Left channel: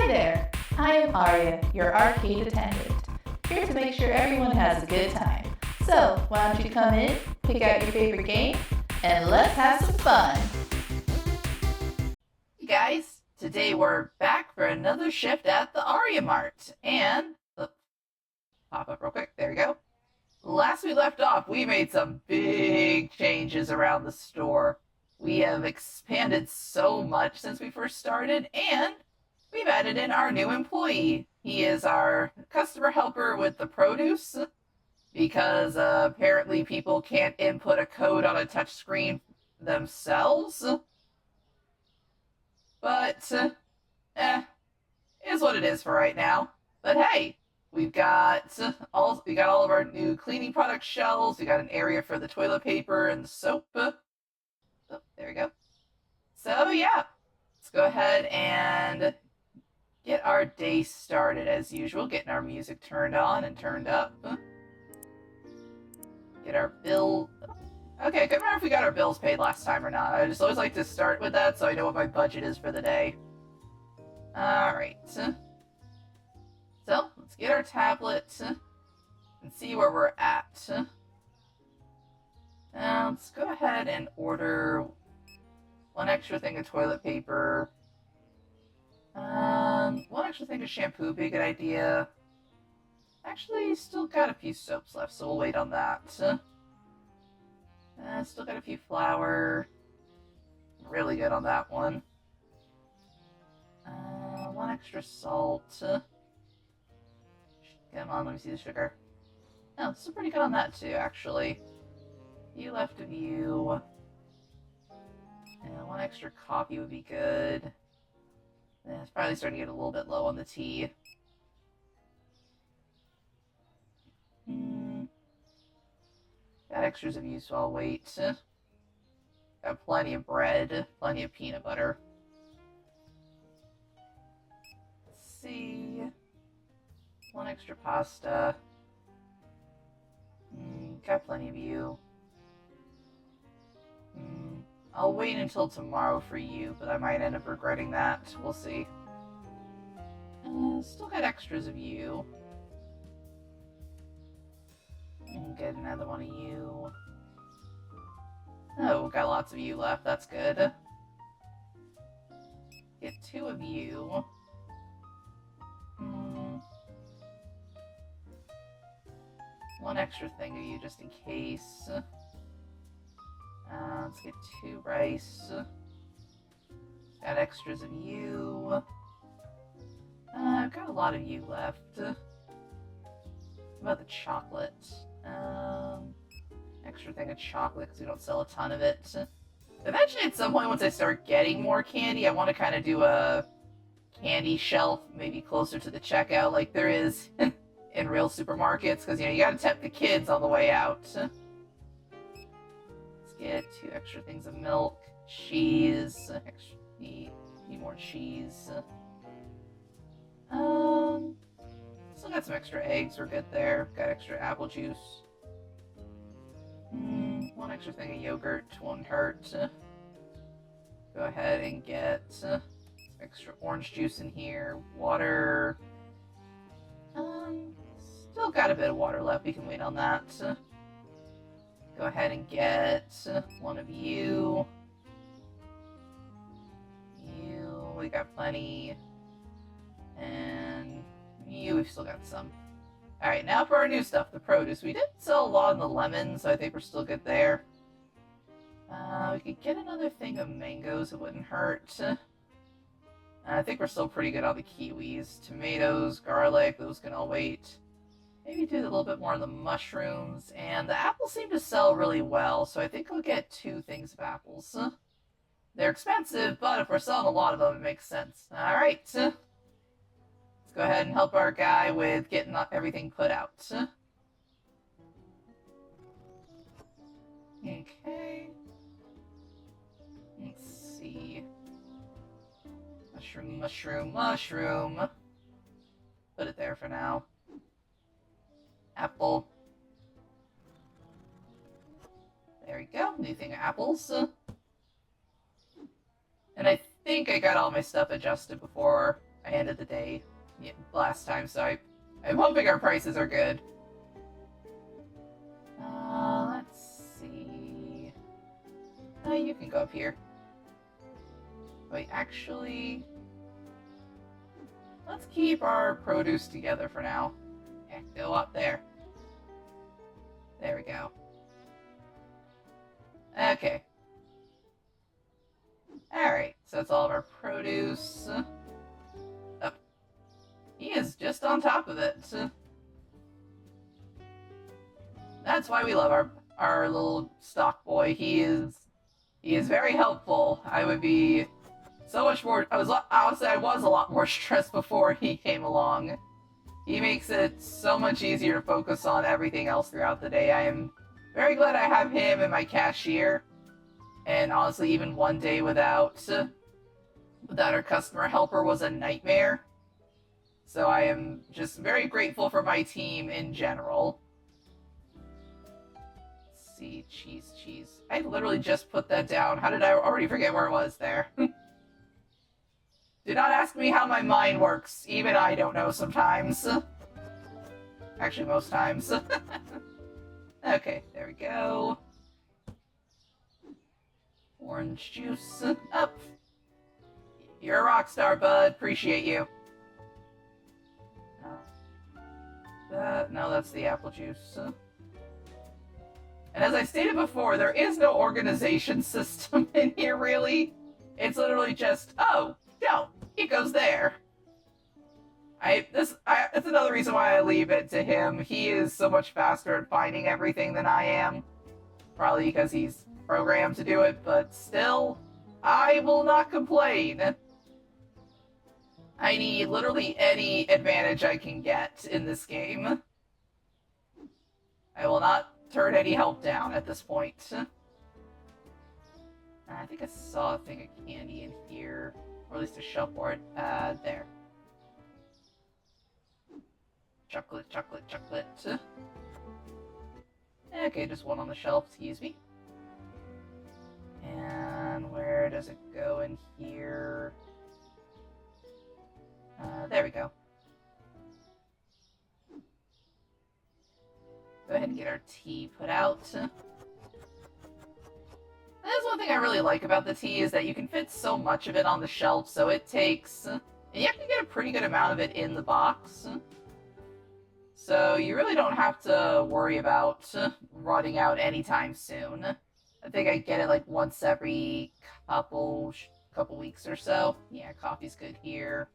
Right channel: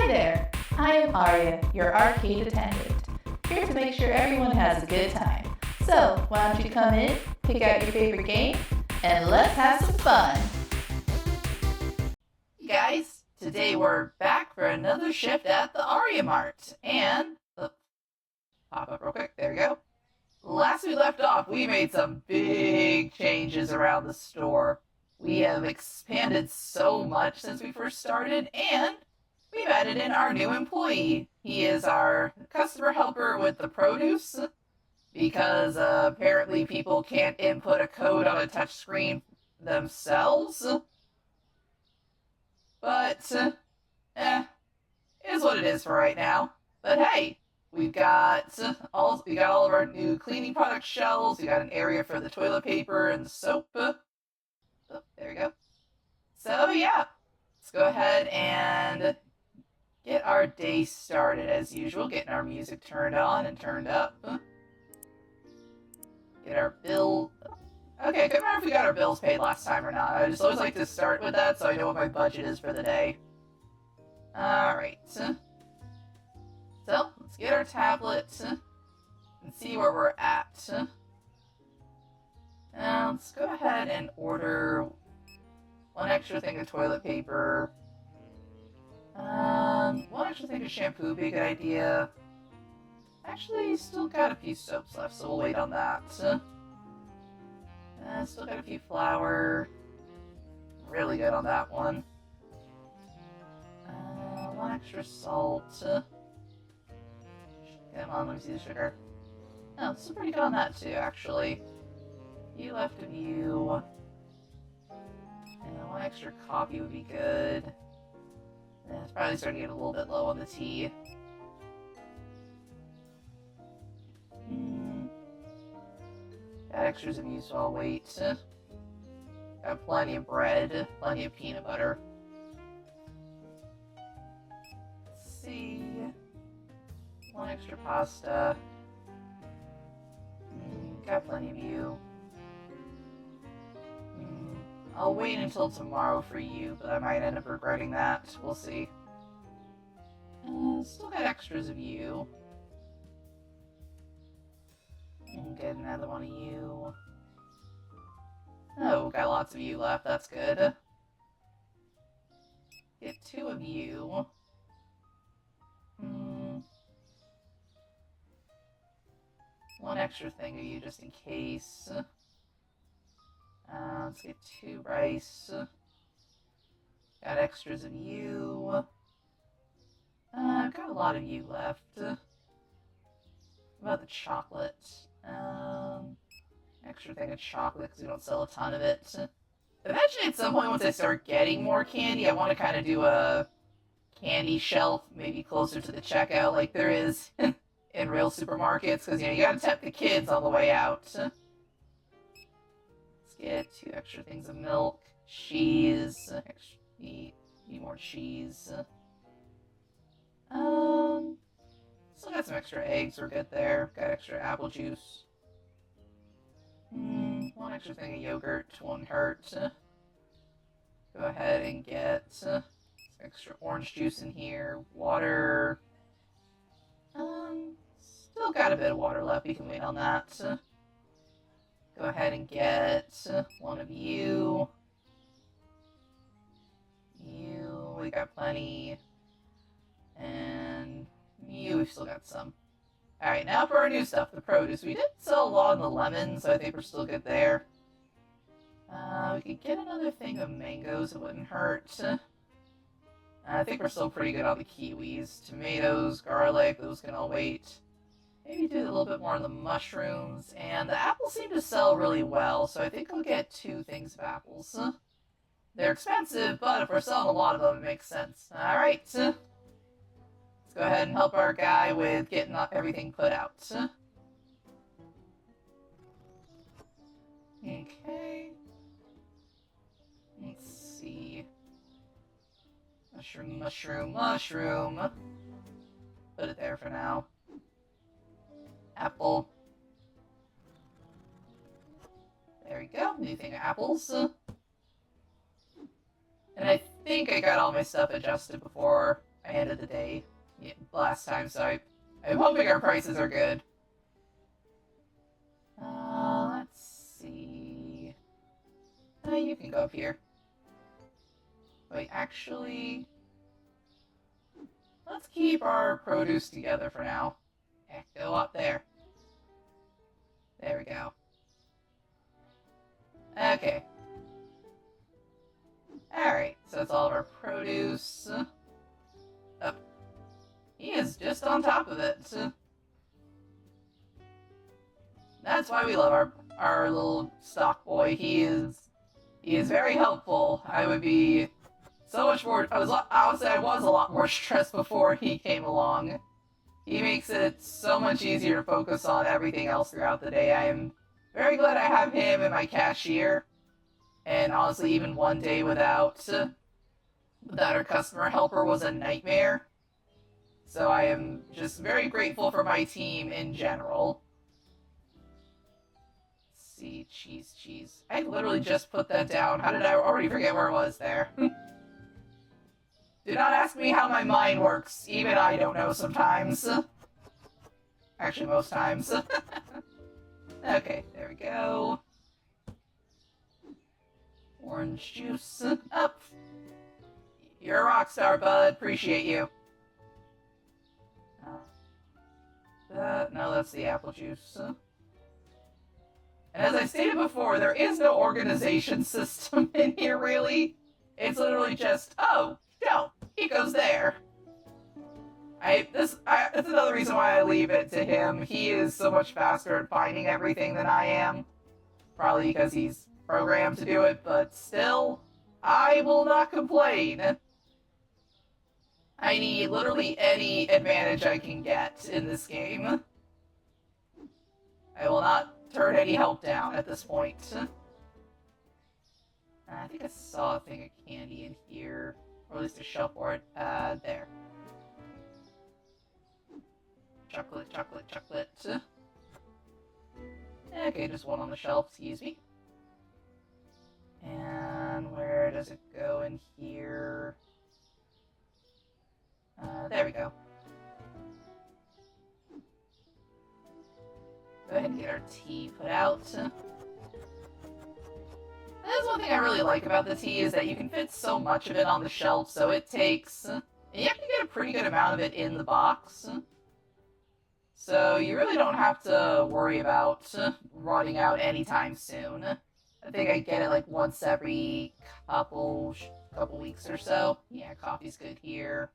Hi there, I am Arya, your arcade attendant, here to make sure everyone has a good time. So, why don't you come in, pick out your favorite game, and let's have some fun! Hey guys, today we're back for another shift at the Aryamart, and... pop up real quick, there we go. Last we left off, we made some big changes around the store. We have expanded so much since we first started, and we've added in our new employee. He is our customer helper with the produce, because apparently people can't input a code on a touchscreen themselves. But, is what it is for right now. But hey, we got all of our new cleaning product shelves. We got an area for the toilet paper and soap. Oh, there we go. So yeah, let's go ahead and get our day started as usual. Getting our music turned on and turned up. Get our bill. Okay, I couldn't remember if we got our bills paid last time or not. I just always like to start with that so I know what my budget is for the day. Alright. So, let's get our tablet and see where we're at. Let's go ahead and order one extra thing of toilet paper. One extra thing of shampoo would be a good idea. Actually, still got a few soaps left, so we'll wait on that. Still got a few flour. Really good on that one. One extra salt. Come on, let me see the sugar. Oh, still pretty good on that too, actually. You left of you. And one extra coffee would be good. It's probably starting to get a little bit low on the tea. Got extras of you, so I'll wait. Got plenty of bread, plenty of peanut butter. Let's see. One extra pasta. Got plenty of you. I'll wait until tomorrow for you, but I might end up regretting that. We'll see. Still got extras of you. Get another one of you. Oh, got lots of you left. That's good. Get two of you. One extra thing of you just in case. Let's get two rice. Got extras of you. I've got a lot of you left. What about the chocolate? Extra thing of chocolate because we don't sell a ton of it. Eventually, at some point, once I start getting more candy, I want to kind of do a candy shelf, maybe closer to the checkout, like there is in real supermarkets, because you gotta tempt the kids on the way out. Let's get two extra things of milk, cheese. Need more cheese. Still got some extra eggs. We're good there. Got extra apple juice. One extra thing of yogurt won't hurt. Go ahead and get some extra orange juice in here. Water. Still got a bit of water left. We can wait on that. Go ahead and get one of you. You, we got plenty. And you, we've still got some. Alright, now for our new stuff, the produce. We didn't sell a lot on the lemons, so I think we're still good there. We could get another thing of mangoes, it wouldn't hurt. I think we're still pretty good on the kiwis. Tomatoes, garlic, those can all wait. Maybe do a little bit more on the mushrooms, and the apples seem to sell really well, so I think I'll get two things of apples. They're expensive, but if we're selling a lot of them, it makes sense. Alright, let's go ahead and help our guy with getting everything put out. Okay. Let's see. Mushroom, mushroom, mushroom. Put it there for now. Apple. There we go. New thing of apples. And I think I got all my stuff adjusted before I ended the day last time, so I'm hoping our prices are good. Let's see. Oh, you can go up here. Wait, actually, let's keep our produce together for now. Yeah, go up there. There we go. Okay. Alright, so that's all of our produce. Oh, he is just on top of it. That's why we love our little stock boy. He is very helpful. I would be so much more. I was a lot more stressed before he came along. He makes it so much easier to focus on everything else throughout the day. I am very glad I have him and my cashier. And honestly, even one day without our customer helper was a nightmare. So I am just very grateful for my team in general. Let's see, cheese. I literally just put that down. How did I already forget where it was there? Do not ask me how my mind works. Even I don't know sometimes. Actually, most times. Okay, there we go. Orange juice. Up. You're a rock star, bud. Appreciate you. No, that's the apple juice. And as I stated before, there is no organization system in here, really. It's literally just, oh, no, it goes there. That's another reason why I leave it to him. He is so much faster at finding everything than I am. Probably because he's programmed to do it, but still, I will not complain. I need literally any advantage I can get in this game. I will not turn any help down at this point. I think I saw a thing of candy in here. Or at least a shelf for it. There. Chocolate. Okay, just one on the shelf, excuse me. And where does it go in here? There we go. Go ahead and get our tea put out. That's one thing I really like about the tea, is that you can fit so much of it on the shelf, so it takes... And you have to get a pretty good amount of it in the box. So you really don't have to worry about running out anytime soon. I think I get it like once every couple weeks or so. Yeah, coffee's good here.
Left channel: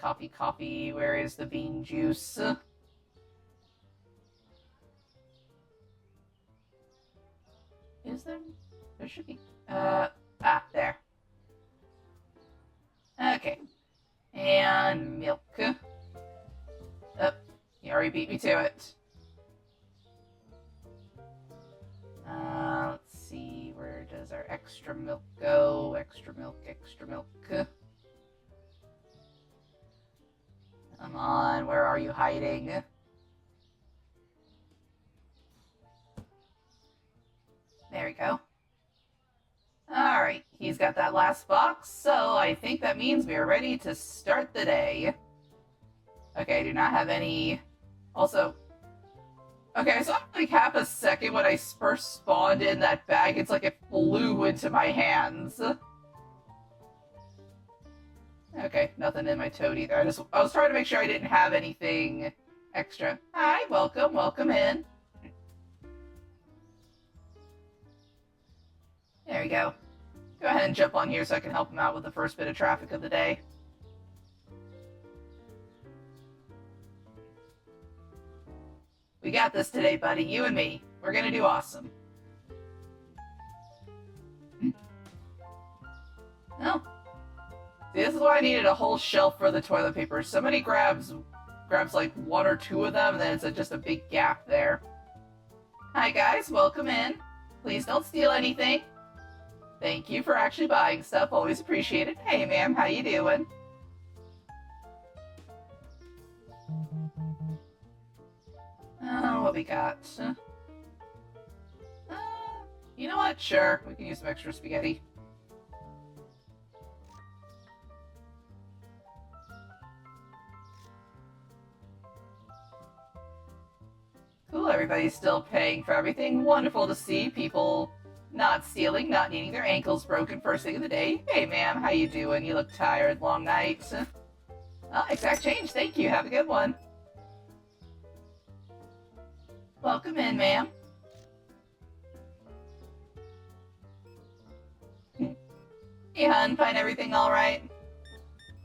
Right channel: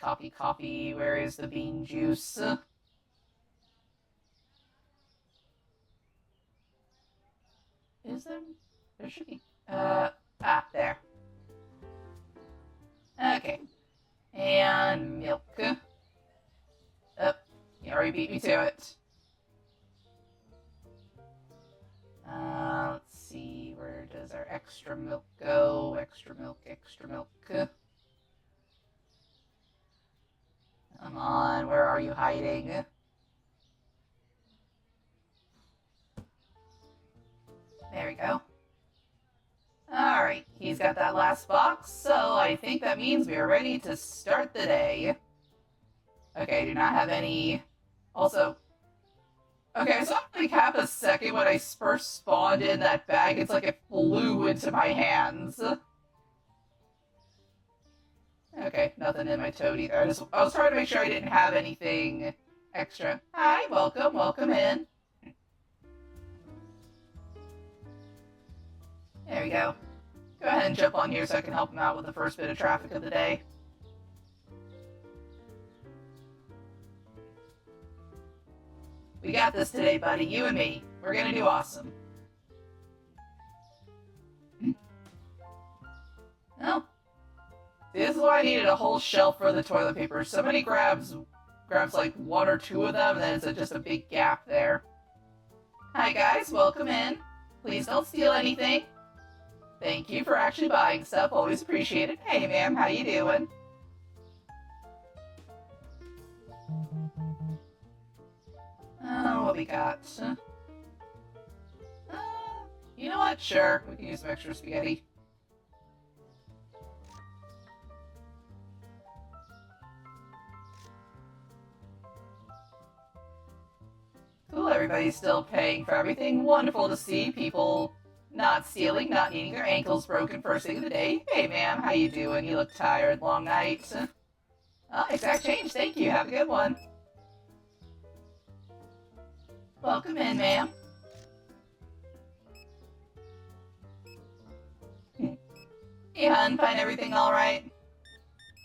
Coffee. Where is the bean juice? Is there? There should be. There. Okay. And milk. Oh, you already beat me to it. Let's see. Where does our extra milk go? Extra milk. Come on, where are you hiding? There we go. Alright, he's got that last box, so I think that means we are ready to start the day. Okay, I do not have any... Also... Okay, I saw like half a second when I first spawned in that bag, it's like it flew into my hands. Okay, nothing in my toad either. I was trying to make sure I didn't have anything extra. Hi, welcome in. There we go. Go ahead and jump on here so I can help him out with the first bit of traffic of the day. We got this today, buddy. You and me. We're gonna do awesome. Oh. See, this is why I needed a whole shelf for the toilet paper. Somebody grabs like one or two of them, and then it's just a big gap there. Hi guys, welcome in. Please don't steal anything. Thank you for actually buying stuff. Always appreciate it. Hey ma'am, how you doing? What we got? You know what? Sure, we can use some extra spaghetti. Everybody's still paying for everything. Wonderful to see. People not stealing, not needing their ankles broken first thing of the day. Hey, ma'am, how you doing? You look tired. Long night. Oh, exact change. Thank you. Have a good one. Welcome in, ma'am. Hey, hun. Find everything all right?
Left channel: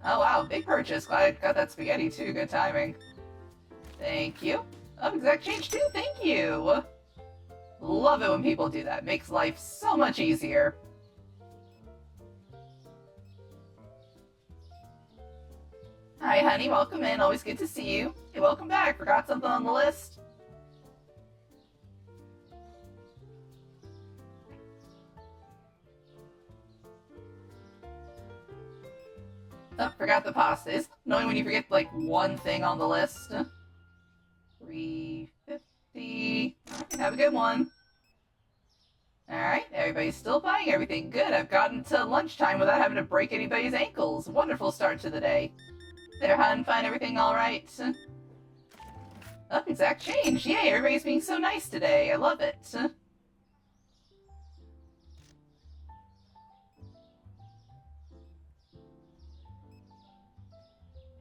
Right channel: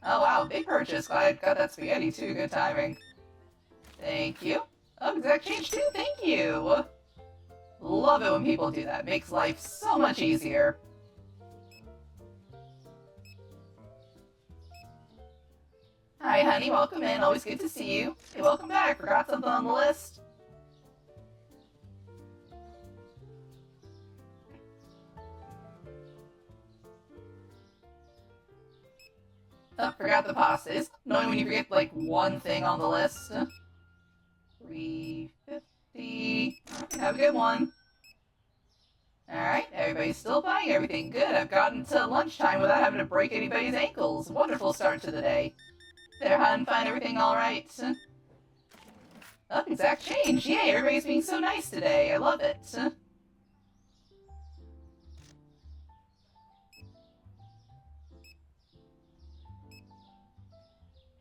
Oh, wow. Big purchase. Glad I got that spaghetti, too. Good timing. Thank you. Oh, exact change, too. Thank you. Love it when people do that. Makes life so much easier. Hi, honey. Welcome in. Always good to see you. Hey, welcome back. Forgot something on the list? Oh, forgot the pastas. Knowing when you forget, like, one thing on the list. $3.50. Have a good one. Alright, everybody's still buying everything. Good, I've gotten to lunchtime without having to break anybody's ankles. Wonderful start to the day. There, hun, find everything alright? Oh, exact change. Yay, everybody's being so nice today. I love it.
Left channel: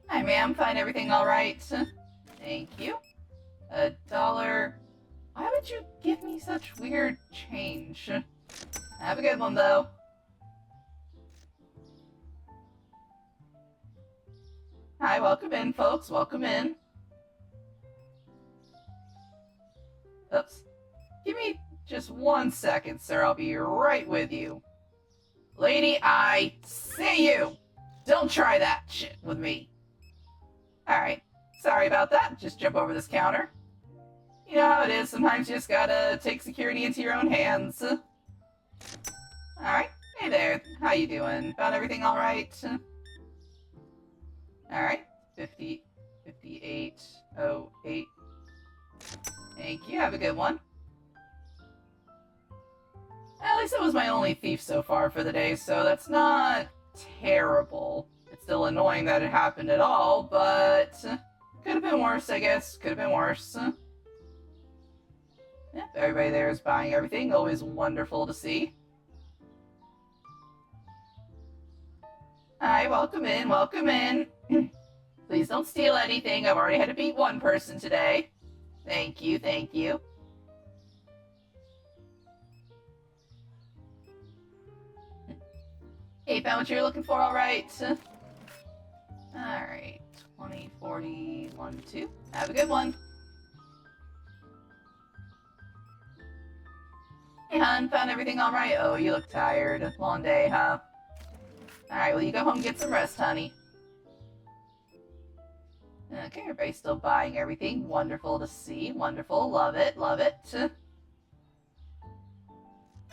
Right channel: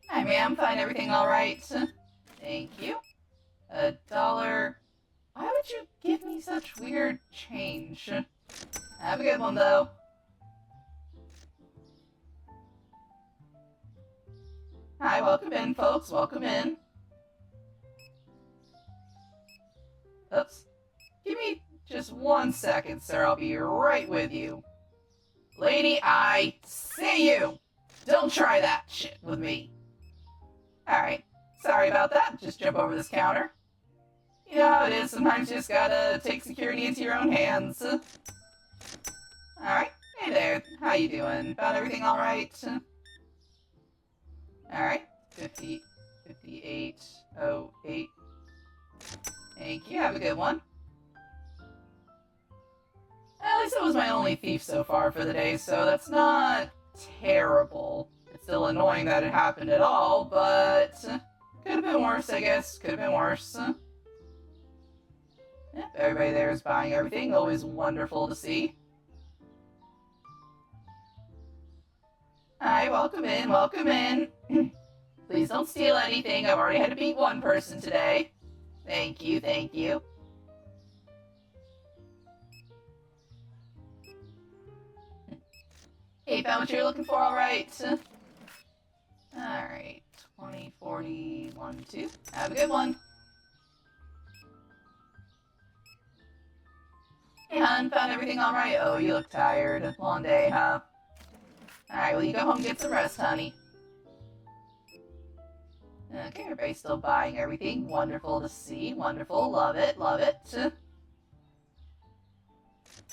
Hi, ma'am, find everything alright? Thank you. $1. Why would you give me such weird change? Have a good one, though. Hi, welcome in, folks. Welcome in. Oops. Give me just 1 second, sir. I'll be right with you. Lady, I see you! Don't try that shit with me. Alright. Sorry about that. Just jump over this counter. You know how it is. Sometimes you just gotta take security into your own hands. Alright. Hey there. How you doing? Found everything alright? Alright. 5808. Thank you. Have a good one. At least it was my only thief so far for the day, so that's not terrible. It's still annoying that it happened at all, but could have been worse, I guess. Could have been worse. Yep, everybody there is buying everything. Always wonderful to see. Hi, welcome in, welcome in. Please don't steal anything. I've already had to beat one person today. Thank you, thank you. Hey, found what you're looking for, alright? Alright, 20, 40, 1, 2. Have a good one. Hey, hon, found everything alright? Oh, you look tired. Long day, huh? Alright, well, you go home and get some rest, honey. Okay, everybody's still buying everything. Wonderful to see. Wonderful. Love it. Love it.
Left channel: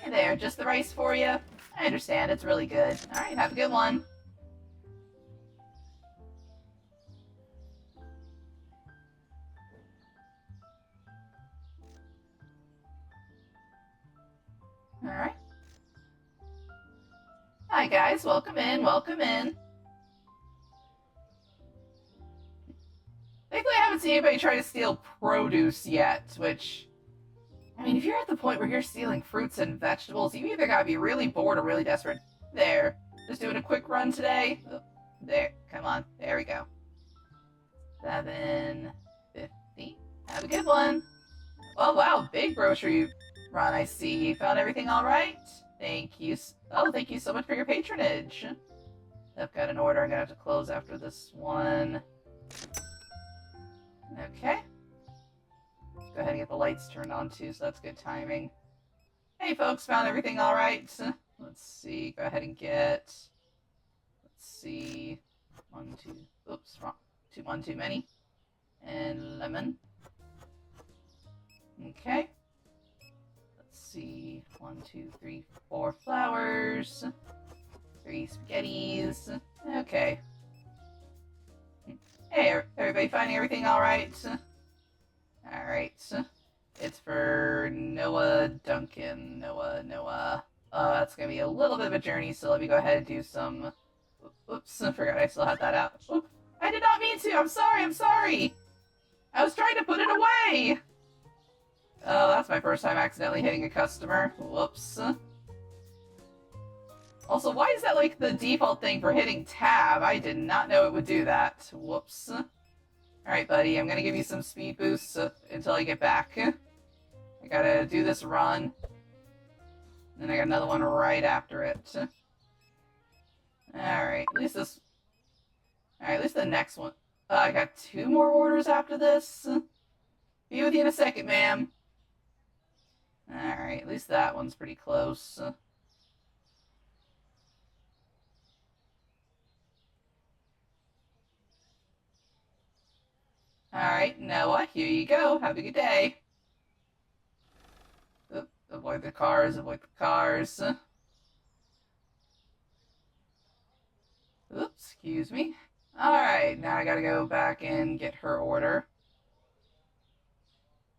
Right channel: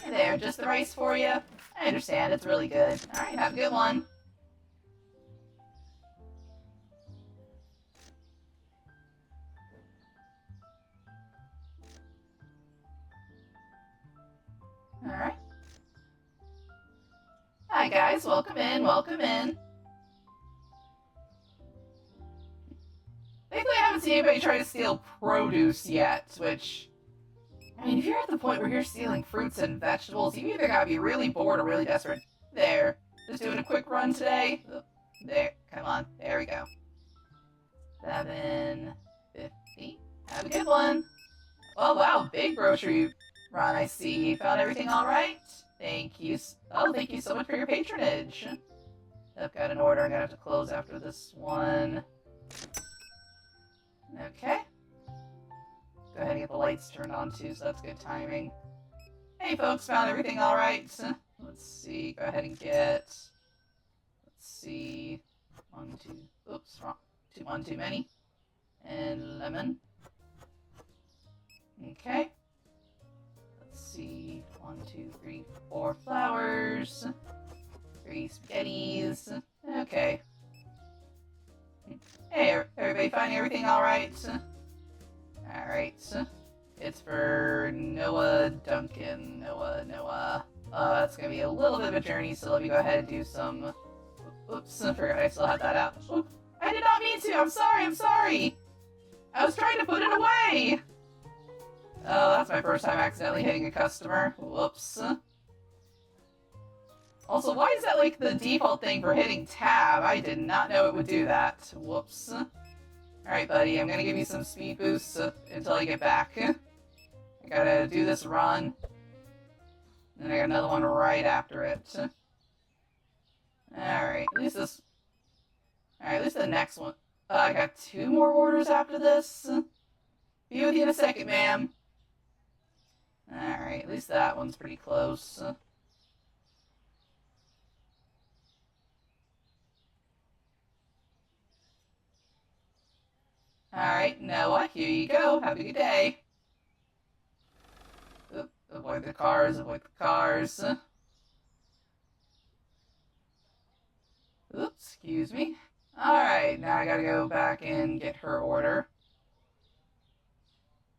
Hey there, just the rice for you? I understand, it's really good. Alright, have a good one. Alright. Hi guys, welcome in, welcome in. Thankfully I haven't seen anybody try to steal produce yet, which... I mean, if you're at the point where you're stealing fruits and vegetables, you either gotta be really bored or really desperate. There. Just doing a quick run today. Oh, there. Come on. There we go. 7.50. Have a good one. Oh, wow. Big grocery run, I see. Found everything alright? Thank you. Oh, thank you so much for your patronage. I've got an order I'm gonna have to close after this one. Okay. Go ahead and get the lights turned on too, so that's good timing. Hey folks, found everything alright? Let's see, go ahead and get... Let's see... 1, 2... Oops, wrong. 1 too many. And lemon. Okay. Let's see... 1, 2, 3, 4 flowers. 3 spaghettis. Okay. Hey, everybody finding everything alright? Alright. It's for Noah Duncan. Noah. That's gonna be a little bit of a journey, so let me go ahead and do some... Oops, I forgot I still had that out. Oops, I did not mean to! I'm sorry! I was trying to put it away! Oh, that's my first time accidentally hitting a customer. Whoops. Also, why is that like the default thing for hitting tab? I did not know it would do that. Whoops. Alright, buddy, I'm gonna give you some speed boosts until I get back. I gotta do this run. And I got another one right after it. Alright, at least this... Alright, at least the next one... I got 2 more orders after this. Be with you in a second, ma'am. Alright, at least that one's pretty close. Alright, Noah, here you go. Have a good day. Oop, avoid the cars, avoid the cars. Oops, excuse me. Alright, now I gotta go back and get her order.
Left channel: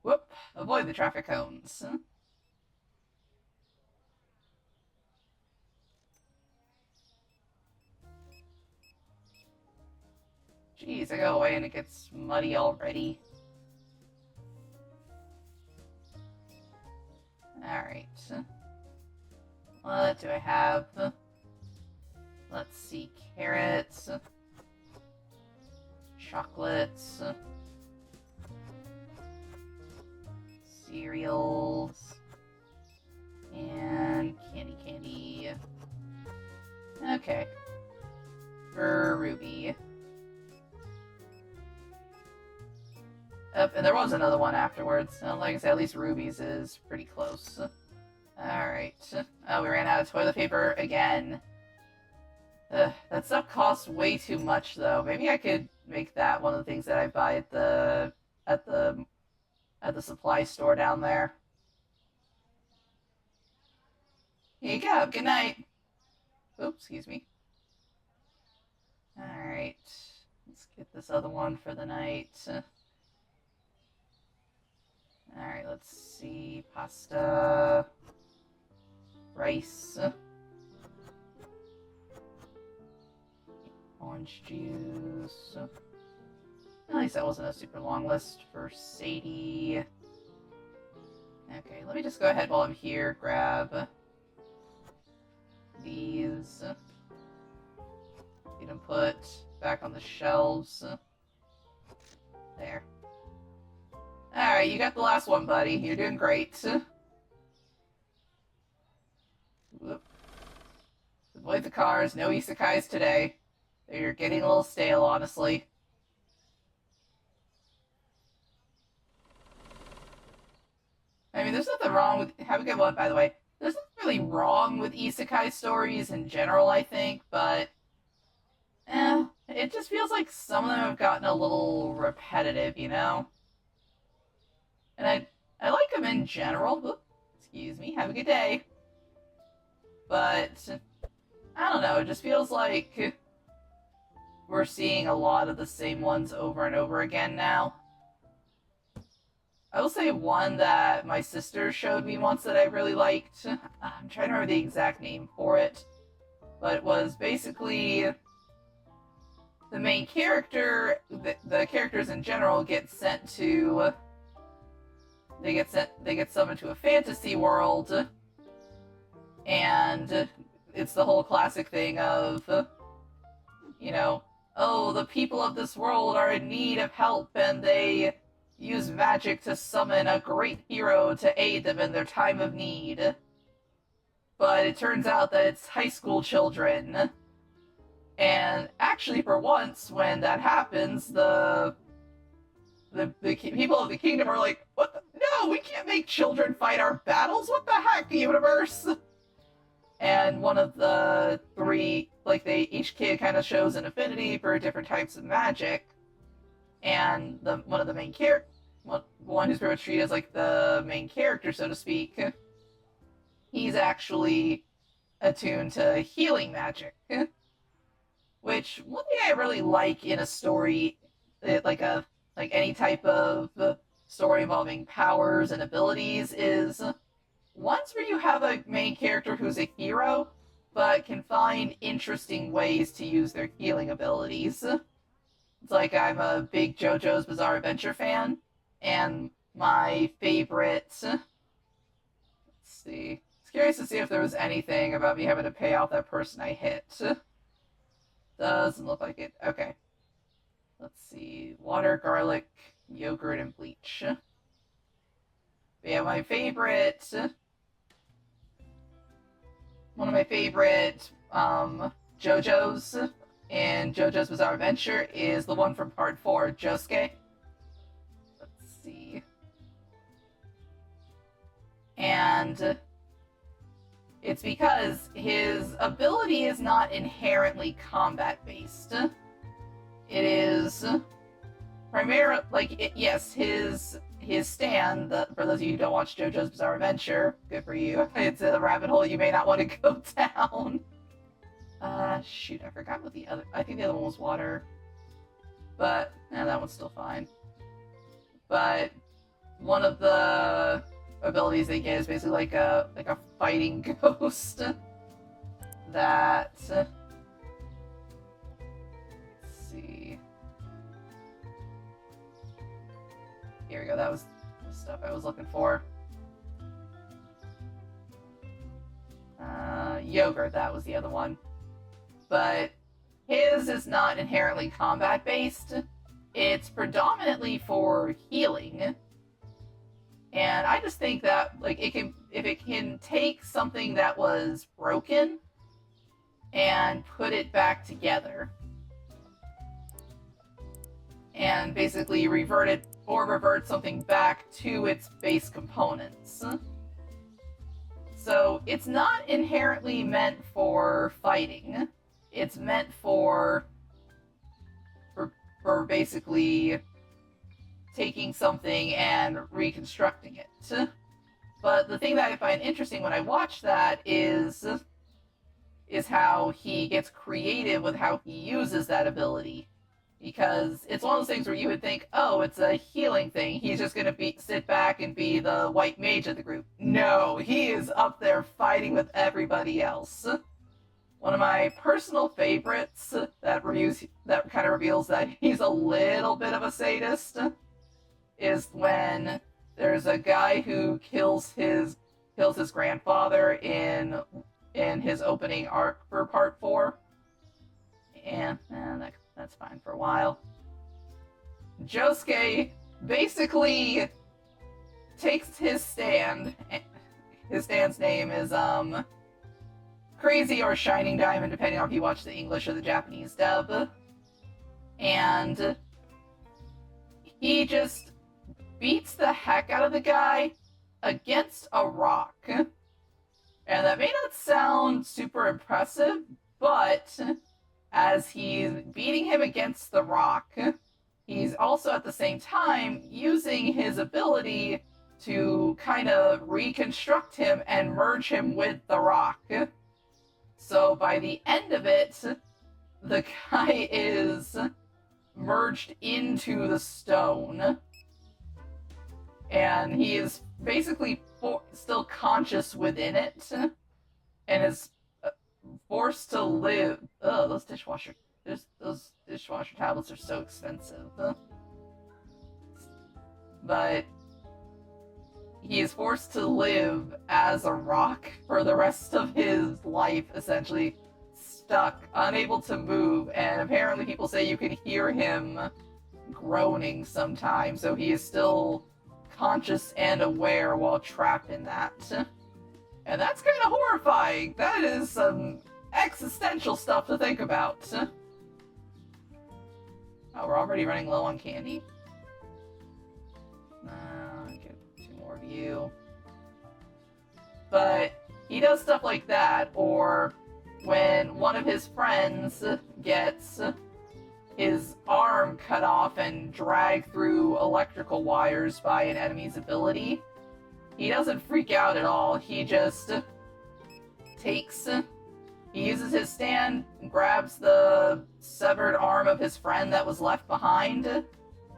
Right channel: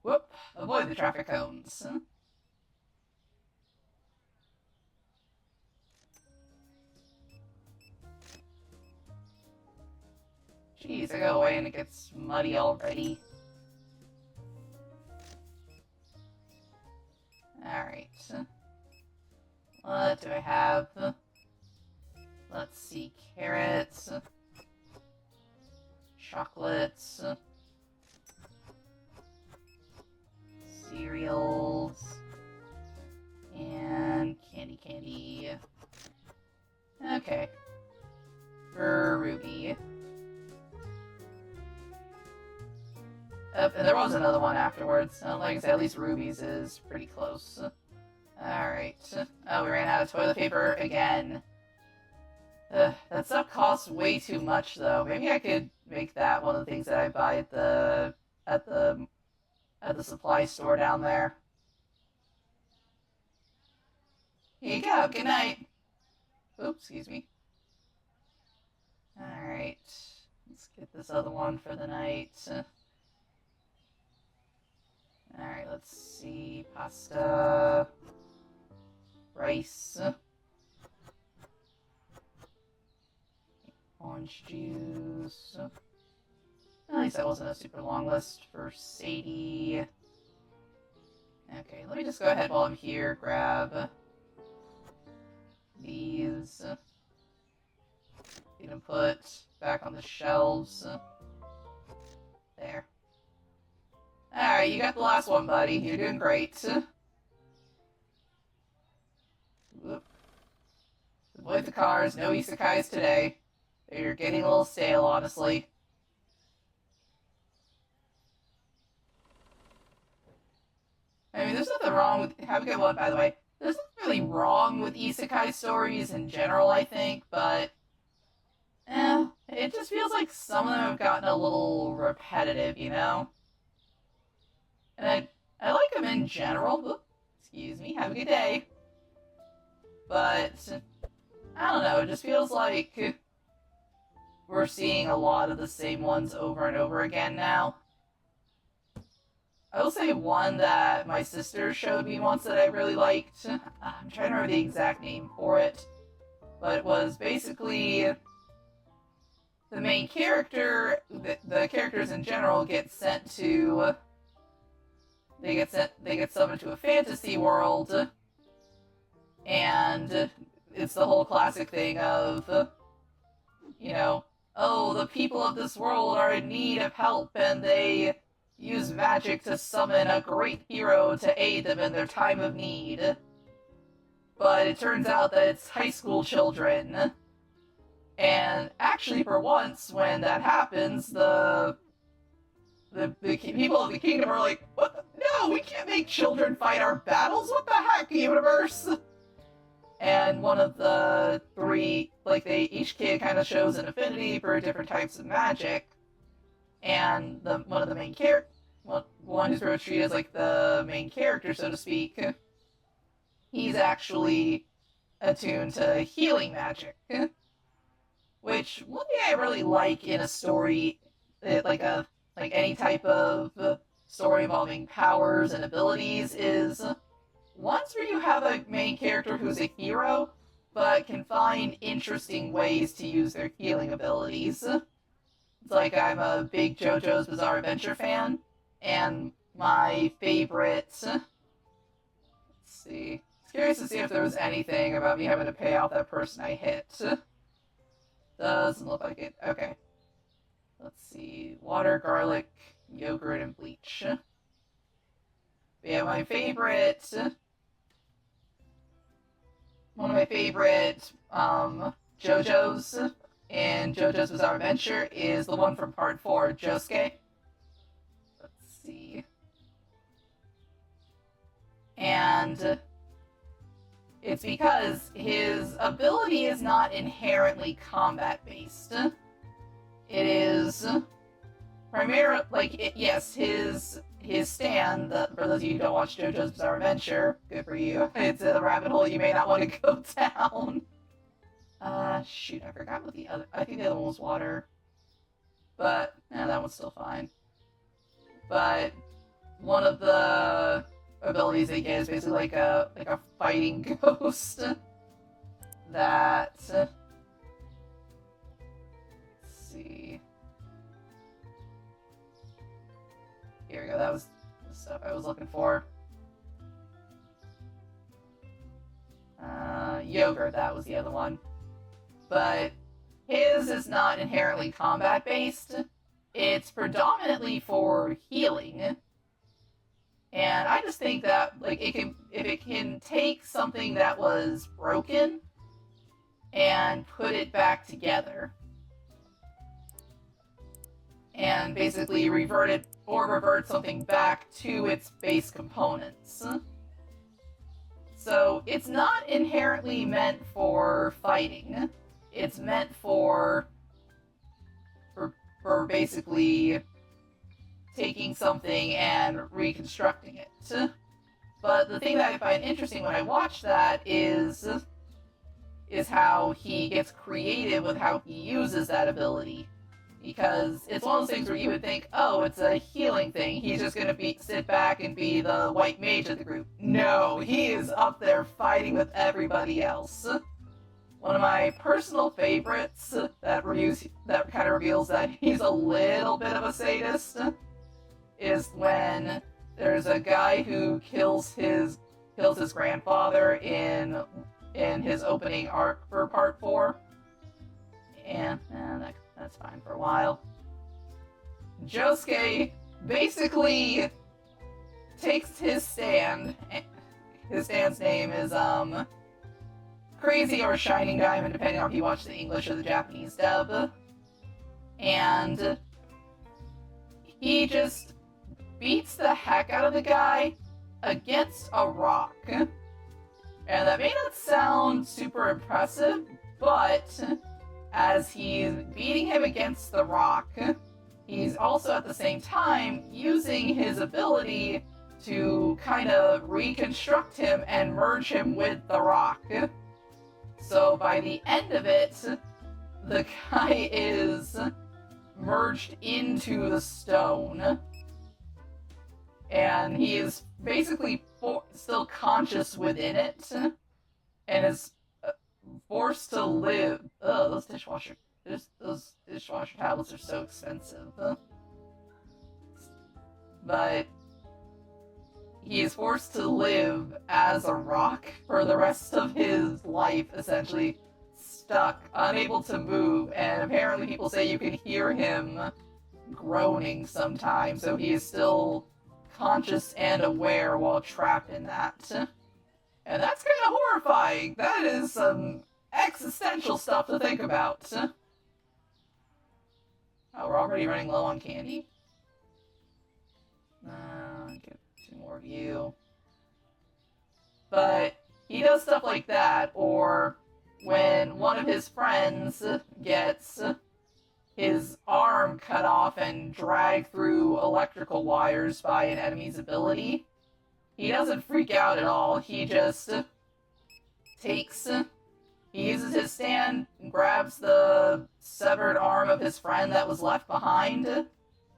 Whoop, avoid the traffic cones. Jeez, I go away and it gets muddy already. Alright. What do I have? Let's see, carrots, chocolates, cereals, and candy. Okay. For Ruby. Oh, and there was another one afterwards. Like I said, at least Ruby's is pretty close. Alright. Oh, we ran out of toilet paper again. That stuff costs way too much, though. Maybe I could make that one of the things that I buy at the supply store down there. Here you go. Good night. Oops, excuse me. Alright. Let's get this other one for the night. Alright, let's see. Pasta. Rice. Orange juice. At least that wasn't a super long list for Sadie. Okay, let me just go ahead while I'm here, grab these. Get them put back on the shelves. There. Alright, you got the last one, buddy. You're doing great. Whoop. Avoid the cars, no isekais today. You're getting a little stale, honestly. I mean, there's nothing wrong with... Have a good one, by the way. There's nothing really wrong with isekai stories in general, I think, but... it just feels like some of them have gotten a little repetitive, you know? And I like them in general. Oop, excuse me, have a good day. But, I don't know, it just feels like we're seeing a lot of the same ones over and over again now. I will say one that my sister showed me once that I really liked. I'm trying to remember the exact name for it. But it was basically the main character, the characters in general get sent to... They get summoned to a fantasy world, and it's the whole classic thing of, you know, oh, the people of this world are in need of help, and they use magic to summon a great hero to aid them in their time of need. But it turns out that it's high school children. And actually, for once, when that happens, the people of the kingdom are like, what the? No, we can't make children fight our battles! What the heck, universe? And one of the 3, like, each kid kind of shows an affinity for different types of magic. And one of the main one who's treated as, like, the main character, so to speak, he's actually attuned to healing magic. Which, one thing I really like in a story, like any type of story involving powers and abilities, is ones where you have a main character who's a hero, but can find interesting ways to use their healing abilities. It's like I'm a big JoJo's Bizarre Adventure fan, and my favorite. Let's see. I was curious to see if there was anything about me having to pay off that person I hit. Doesn't look like it. Okay. Let's see. Water, garlic, yogurt, and bleach. But yeah, my favorite. One of my favorite JoJo's in JoJo's Bizarre Adventure is the one from Part 4, Josuke. Let's see. And it's because his ability is not inherently combat-based. It is primarily, yes, his stand, for those of you who don't watch JoJo's Bizarre Adventure, good for you. It's a rabbit hole you may not want to go down. Shoot, I forgot what the other, I think the other one was water. But, that one's still fine. But, one of the abilities they get is basically like a fighting ghost. That, let's see. Here we go, that was the stuff I was looking for. Yogurt, that was the other one. But his is not inherently combat-based. It's predominantly for healing. And I just think that, if it can take something that was broken and put it back together, and basically revert something back to its base components. So it's not inherently meant for fighting. It's meant for basically taking something and reconstructing it. But the thing that I find interesting when I watch that is how he gets creative with how he uses that ability. Because it's one of those things where you would think, oh, it's a healing thing. He's just going to sit back and be the white mage of the group. No, he is up there fighting with everybody else. One of my personal favorites that kind of reveals that he's a little bit of a sadist is when there's a guy who kills his grandfather in his opening arc for Part 4. And that's fine for a while. Josuke basically takes his stand. His stand's name is Crazy or Shining Diamond, depending on if you watch the English or the Japanese dub. And he just beats the heck out of the guy against a rock. And that may not sound super impressive, but as he's beating him against the rock, he's also at the same time using his ability to kind of reconstruct him and merge him with the rock. So by the end of it, the guy is merged into the stone. And he is basically still conscious within it, and is forced to live. Those dishwasher tablets are so expensive. But he is forced to live as a rock for the rest of his life, essentially stuck, unable to move, and apparently people say you can hear him groaning sometimes, so he is still conscious and aware while trapped in that. And that's kind of horrifying. That is some existential stuff to think about. Oh, we're already running low on candy? Get 2 more of you. But he does stuff like that, or when one of his friends gets his arm cut off and dragged through electrical wires by an enemy's ability, he doesn't freak out at all. He just he uses his stand, grabs the severed arm of his friend that was left behind,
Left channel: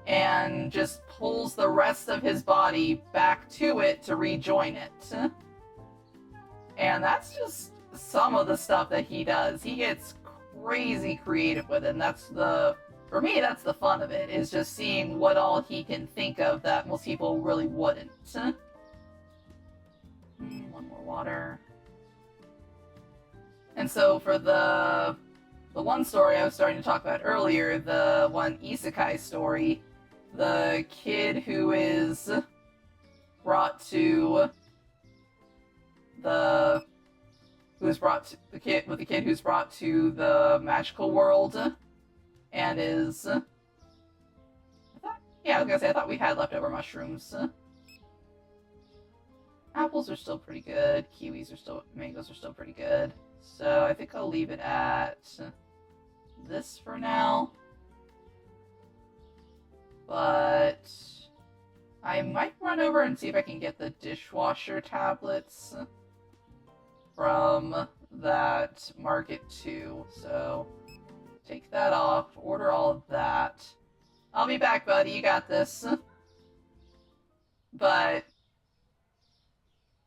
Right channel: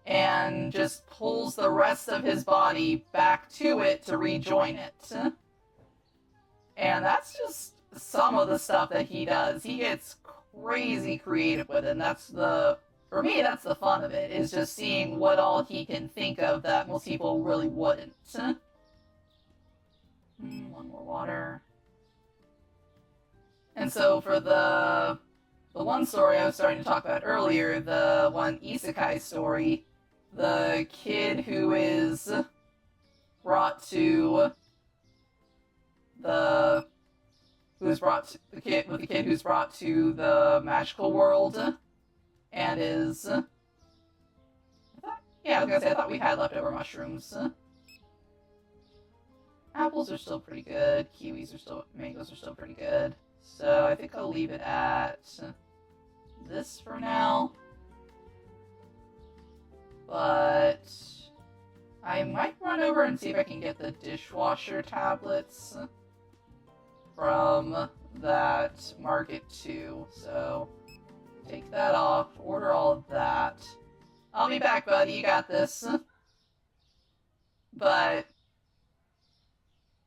and just pulls the rest of his body back to it to rejoin it. And that's just some of the stuff that he does. He gets crazy creative with it, and that's the for me, that's the fun of it, is just seeing what all he can think of that most people really wouldn't. One more water. And so for the one story I was starting to talk about earlier, the one isekai story, the kid who is brought to the kid who's brought to the magical world and is I thought we had leftover mushrooms. Apples are still pretty good. Mangoes are still pretty good. So I think I'll leave it at this for now. But I might run over and see if I can get the dishwasher tablets from that market too. So take that off, order all of that. I'll be back, buddy, you got this. But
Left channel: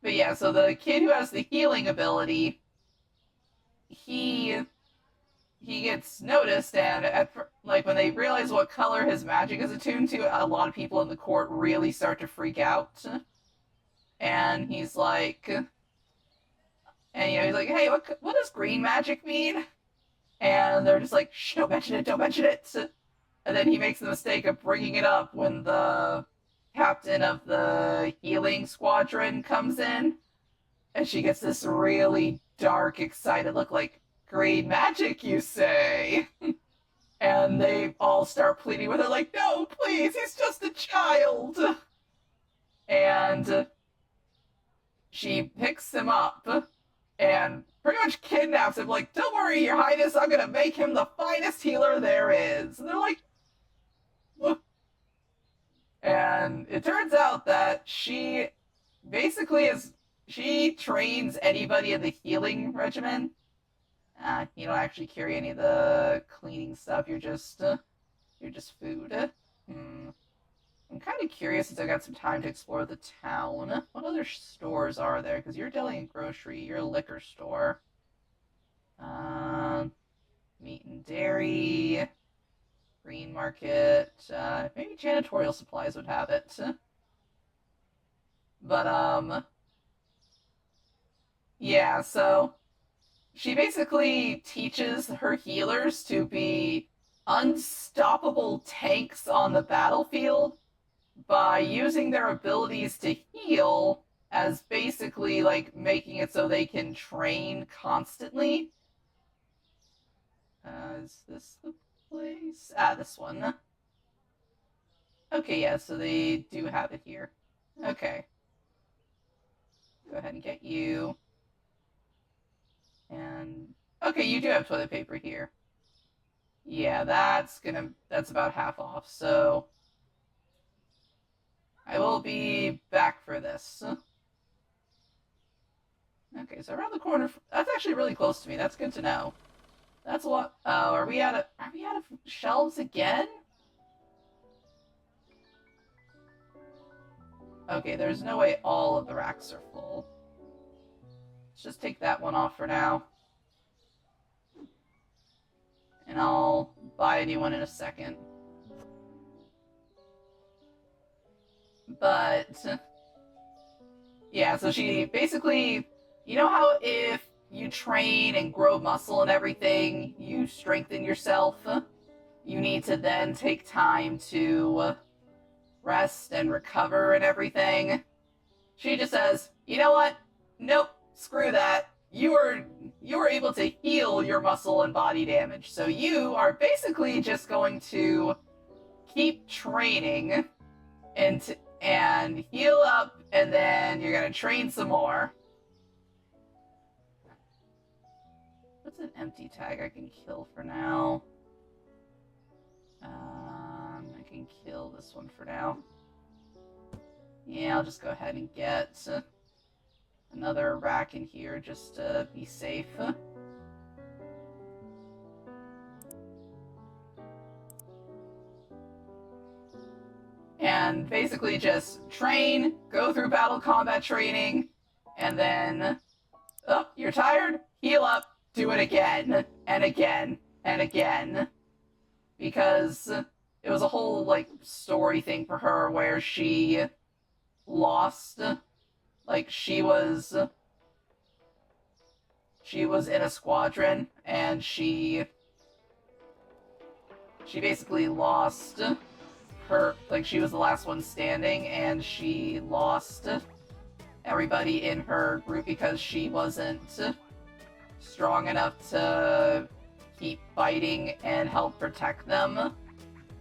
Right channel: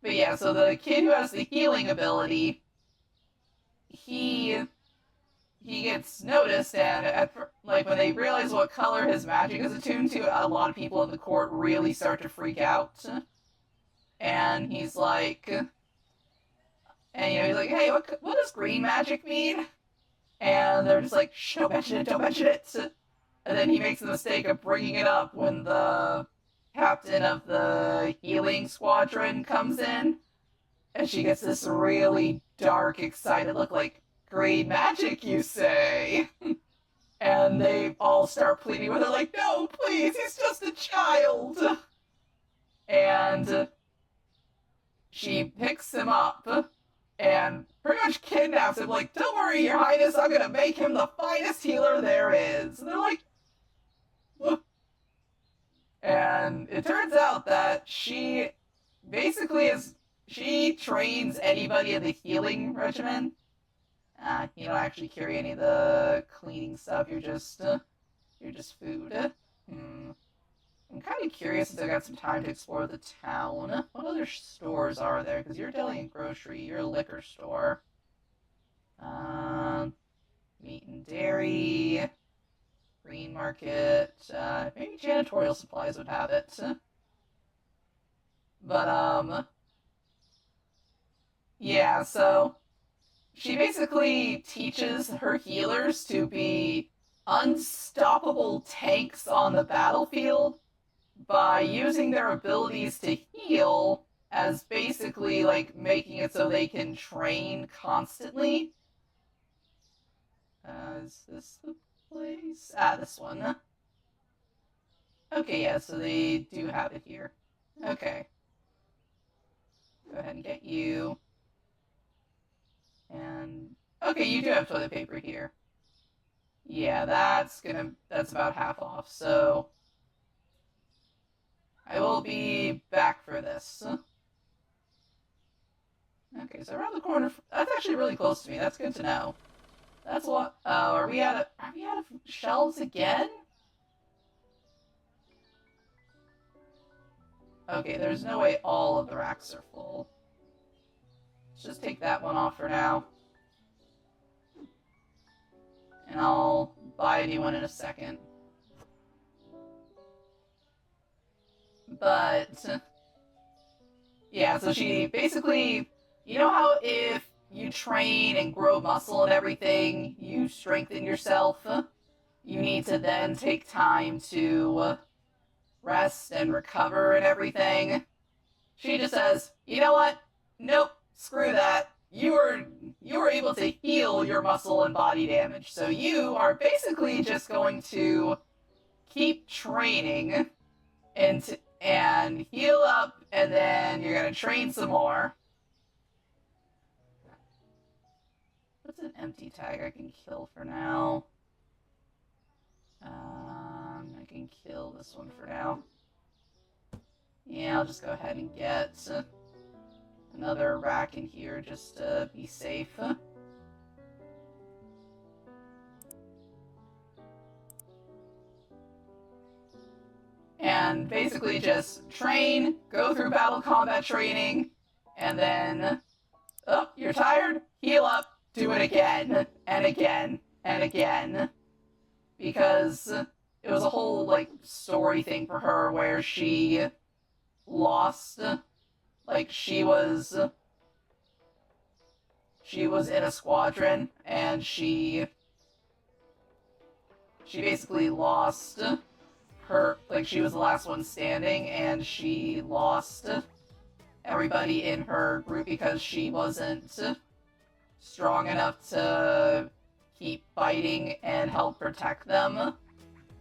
yeah, so the kid who has the healing ability, he gets noticed, and when they realize what color his magic is attuned to, a lot of people in the court really start to freak out. And he's like, hey, what does green magic mean? And they're just like, shh, don't mention it. And then he makes the mistake of bringing it up when the captain of the healing squadron comes in, and she gets this really dark, excited look like, green magic, you say? And they all start pleading with her like, no, please, he's just a child. And she picks him up and pretty much kidnaps him, like, don't worry, your highness, I'm gonna make him the finest healer there is. And they're like, what? And it turns out that she trains anybody in the healing regimen. You don't actually carry any of the cleaning stuff, you're just food. I'm kind of curious, since I got some time to explore the town. What other stores are there? Because you're deli and grocery, you're a liquor store. Meat and dairy, green market, maybe janitorial supplies would have it. But, yeah, so she basically teaches her healers to be unstoppable tanks on the battlefield by using their abilities to heal as basically, like, making it so they can train constantly. Is this the place? This one. Okay, yeah, so they do have it here. Okay. Go ahead and get you. And, okay, you do have toilet paper here. Yeah, that's about half off, so I will be back for this. Okay, so around the corner, that's actually really close to me, that's good to know. That's a lot. Oh, are we out of shelves again? Okay, there's no way all of the racks are full. Let's just take that one off for now. And I'll buy a new one in a second. But yeah, so she basically, you know how if you train and grow muscle and everything, you strengthen yourself, you need to then take time to rest and recover and everything. She just says, you know what? Nope, screw that. You are able to heal your muscle and body damage. So you are basically just going to keep training and heal up, and then you're going to train some more. What's an empty tag I can kill for now? I can kill this one for now. Yeah, I'll just go ahead and get another rack in here just to be safe. And basically just train, go through battle combat training, and then, oh, you're tired? Heal up, do it again, and again, and again. because it was a whole, like, story thing for her where she lost. Like, she was in a squadron, and she basically lost her, like, she was the last one standing, and she lost everybody in her group because she wasn't strong enough to keep fighting and help protect them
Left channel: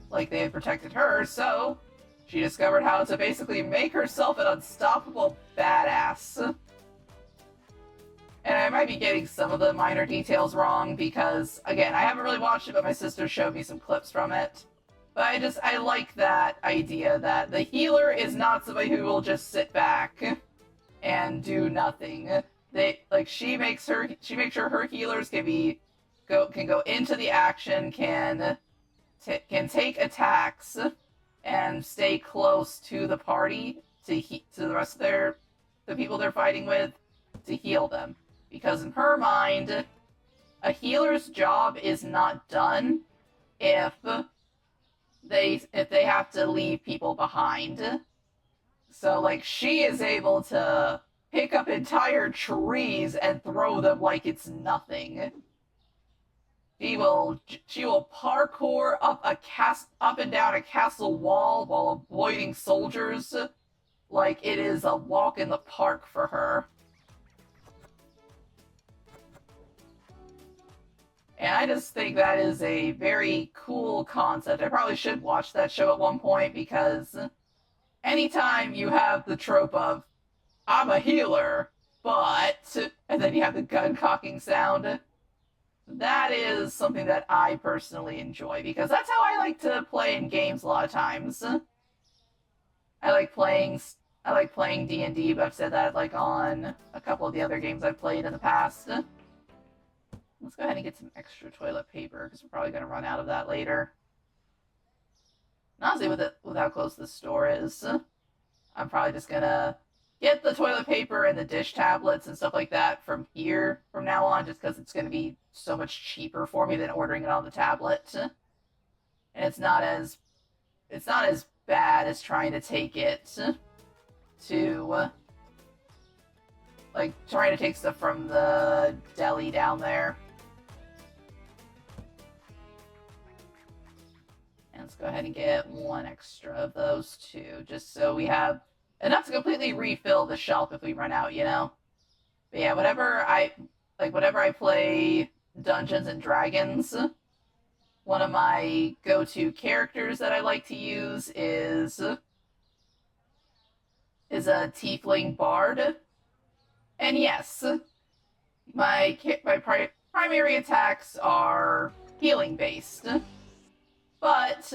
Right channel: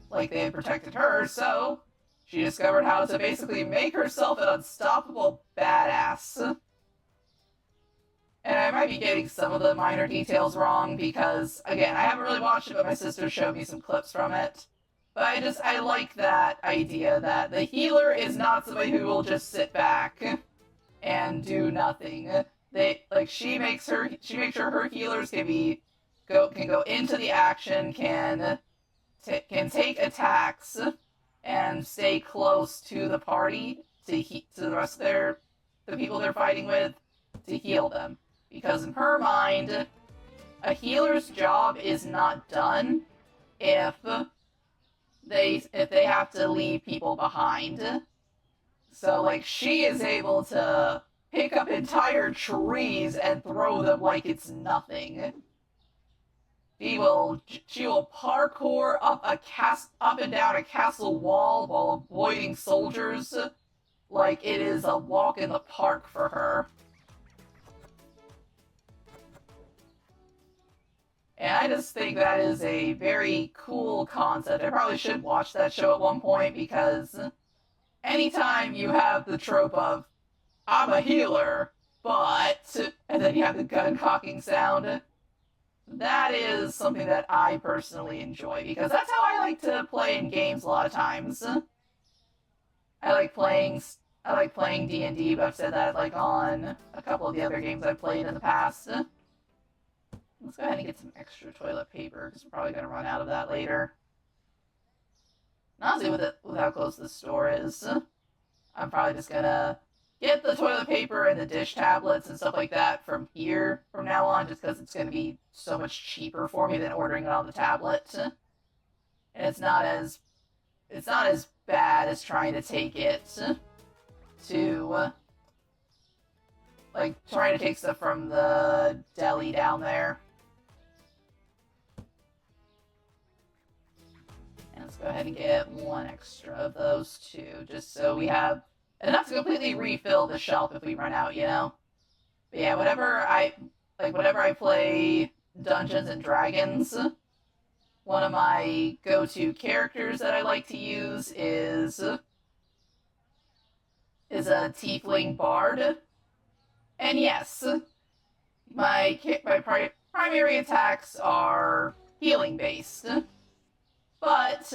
like they had protected her, so she discovered how to basically make herself an unstoppable badass. And I might be getting some of the minor details wrong because, again, I haven't really watched it, but my sister showed me some clips from it. But I like that idea that the healer is not somebody who will just sit back and do nothing. She makes sure her healers can go into the action, can take attacks, and stay close to the party to the rest of the people they're fighting with to heal them. Because in her mind, a healer's job is not done if they have to leave people behind. So, like, she is able to pick up entire trees and throw them like it's nothing. She will parkour up and down a castle wall while avoiding soldiers like it is a walk in the park for her. And I just think that is a very cool concept. I probably should watch that show at one point because anytime you have the trope of, I'm a healer, but, and then you have the gun cocking sound, that is something that I personally enjoy because that's how I like to play in games a lot of times. I like playing D&D, but I've said that like on a couple of the other games I've played in the past. Let's go ahead and get some extra toilet paper because we're probably going to run out of that later. And honestly, with how close this store is, I'm probably just going to get the toilet paper and the dish tablets and stuff like that from here from now on, just because it's going to be so much cheaper for me than ordering it on the tablet. And it's not as bad as trying to take it to, like, trying to take stuff from the deli down there. And let's go ahead and get one extra of those two, just so we have enough to completely refill the shelf if we run out, you know? But yeah, whenever I play Dungeons and Dragons, one of my go-to characters that I like to use is a tiefling bard. And yes, my primary attacks are healing based, but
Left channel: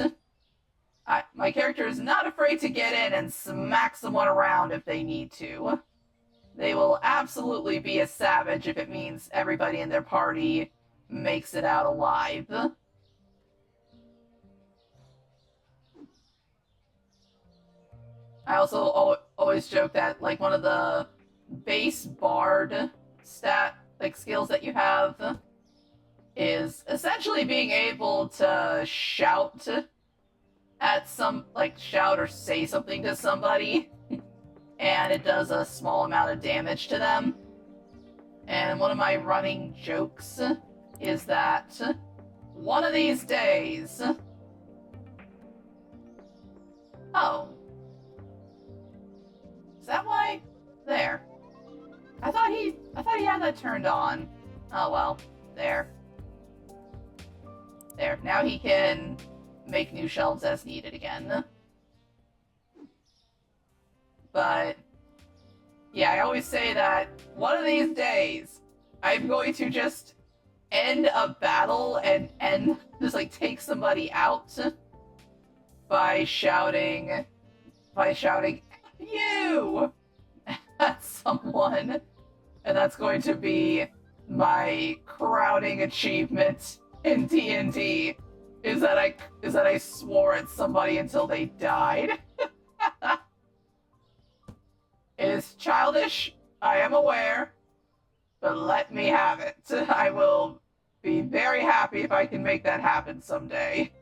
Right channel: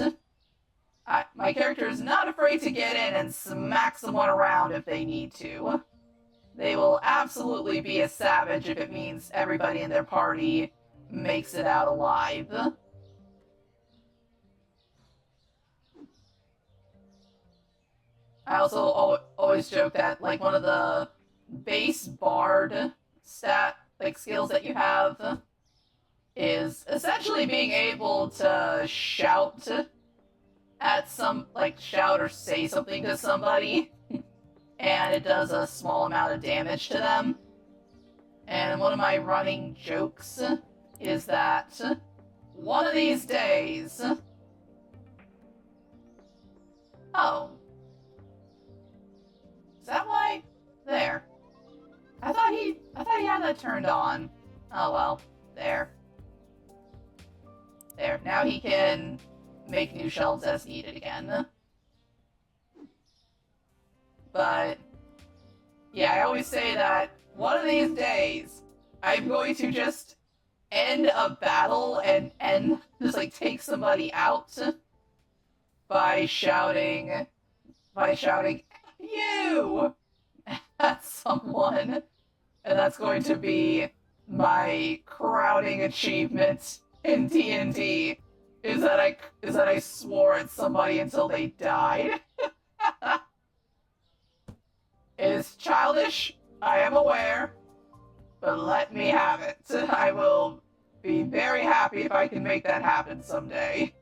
my character is not afraid to get in and smack someone around if they need to. They will absolutely be a savage if it means everybody in their party makes it out alive. I also always joke that, like, one of the base bard skills that you have is essentially being able to shout or say something to somebody, and it does a small amount of damage to them. And one of my running jokes is that one of these days... Oh. Is that why? There. I thought he had that turned on. Oh well. There. There. Now he can make new shelves as needed again. But yeah, I always say that one of these days I'm going to just end a battle and just like take somebody out by shouting you at someone, and that's going to be my crowning achievement in D&D is that I swore at somebody until they died. It is childish, I am aware, but let me have it. I will be very happy if I can make that happen someday.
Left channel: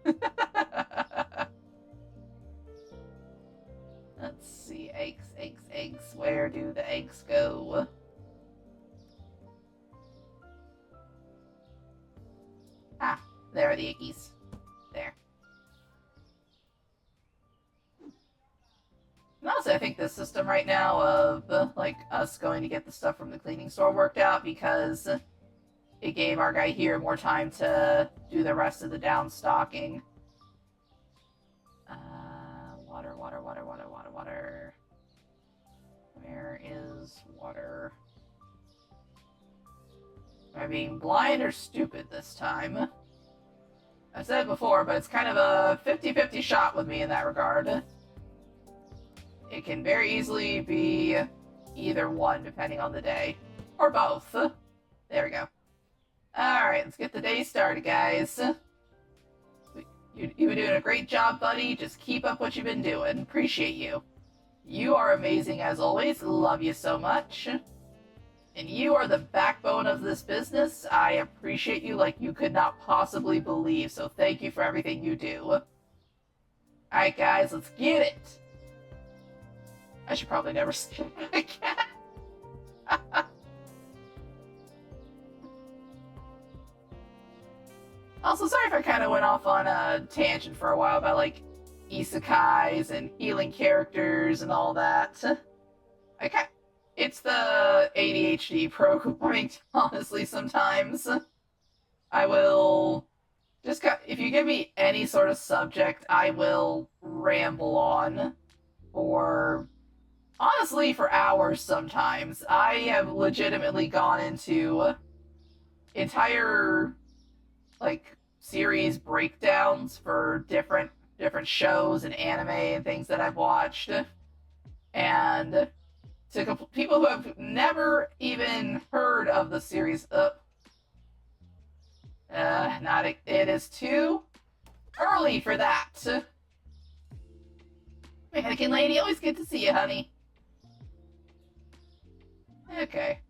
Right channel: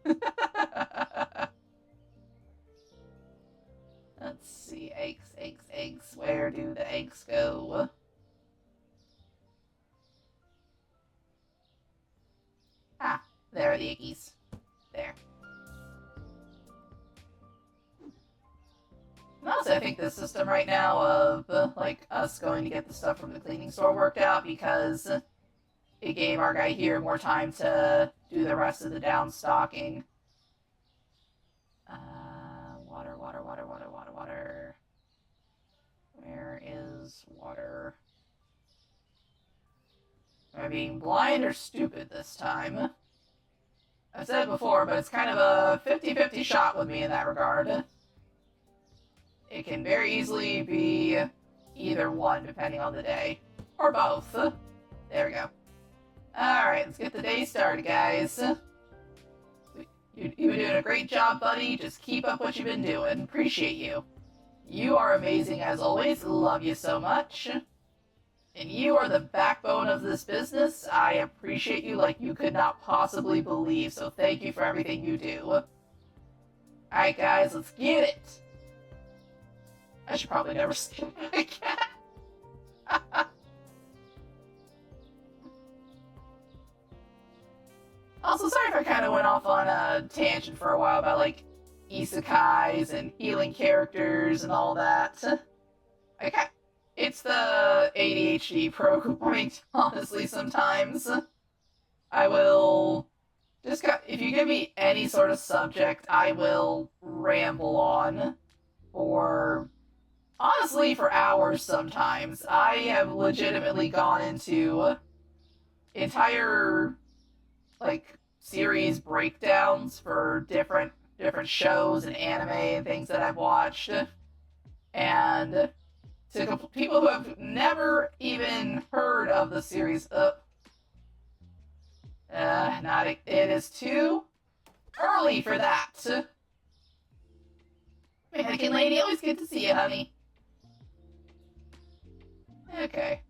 Let's see, eggs, eggs, eggs. Where do the eggs go? Ah, there are the eggies. There. And also, I think this system right now of, like, us going to get the stuff from the cleaning store worked out because it gave our guy here more time to do the rest of the down stocking. Water, water, water, water, water, water. Where is water? Am I being blind or stupid this time? I've said it before, but it's kind of a 50-50 shot with me in that regard. It can very easily be either one, depending on the day. Or both. There we go. Alright, let's get the day started, guys. You've been doing a great job, buddy. Just keep up what you've been doing. Appreciate you. You are amazing as always. Love you so much. And you are the backbone of this business. I appreciate you like you could not possibly believe, so thank you for everything you do. Alright, guys, let's get it. I should probably never say it again. Also, sorry if I kind of went off on a tangent for a while about, like, isekais and healing characters and all that. It's the ADHD programming, honestly, sometimes. I will just, if you give me any sort of subject, I will ramble on honestly, for hours sometimes. I have legitimately gone into entire, like, series breakdowns for different shows and anime and things that I've watched. And to people who have never even heard of the series, it is too early for that. Mannequin lady, always good to see you, honey. Okay.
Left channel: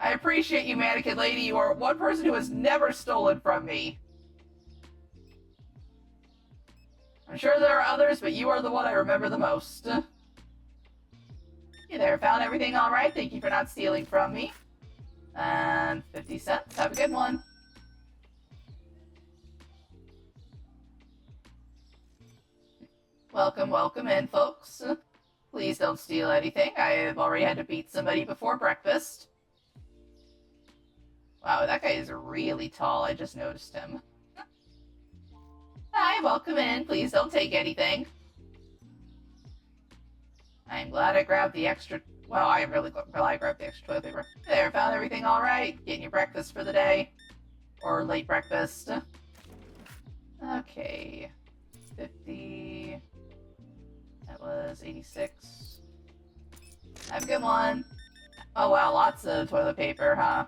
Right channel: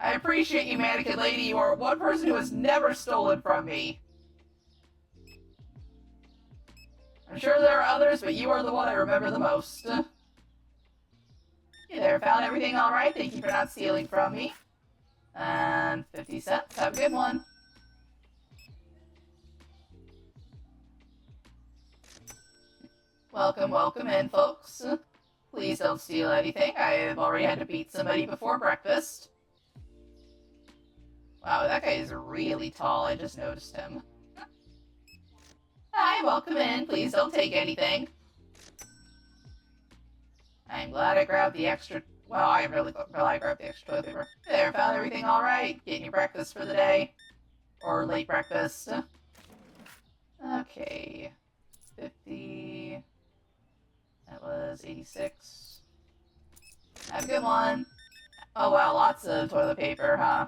I appreciate you, mannequin lady. You are one person who has never stolen from me. I'm sure there are others, but you are the one I remember the most. Hey there, found everything alright? Thank you for not stealing from me. And 50 cents. Have a good one. Welcome, welcome in, folks. Please don't steal anything. I have already had to beat somebody before breakfast. Wow, that guy is really tall. I just noticed him. Hi, welcome in. Please don't take anything. I'm glad I grabbed the extra... Well, I am really glad I grabbed the extra toilet paper. There, found everything alright? Getting your breakfast for the day? Or late breakfast? Okay. 50... That was 86. Have a good one. Oh wow, lots of toilet paper, huh?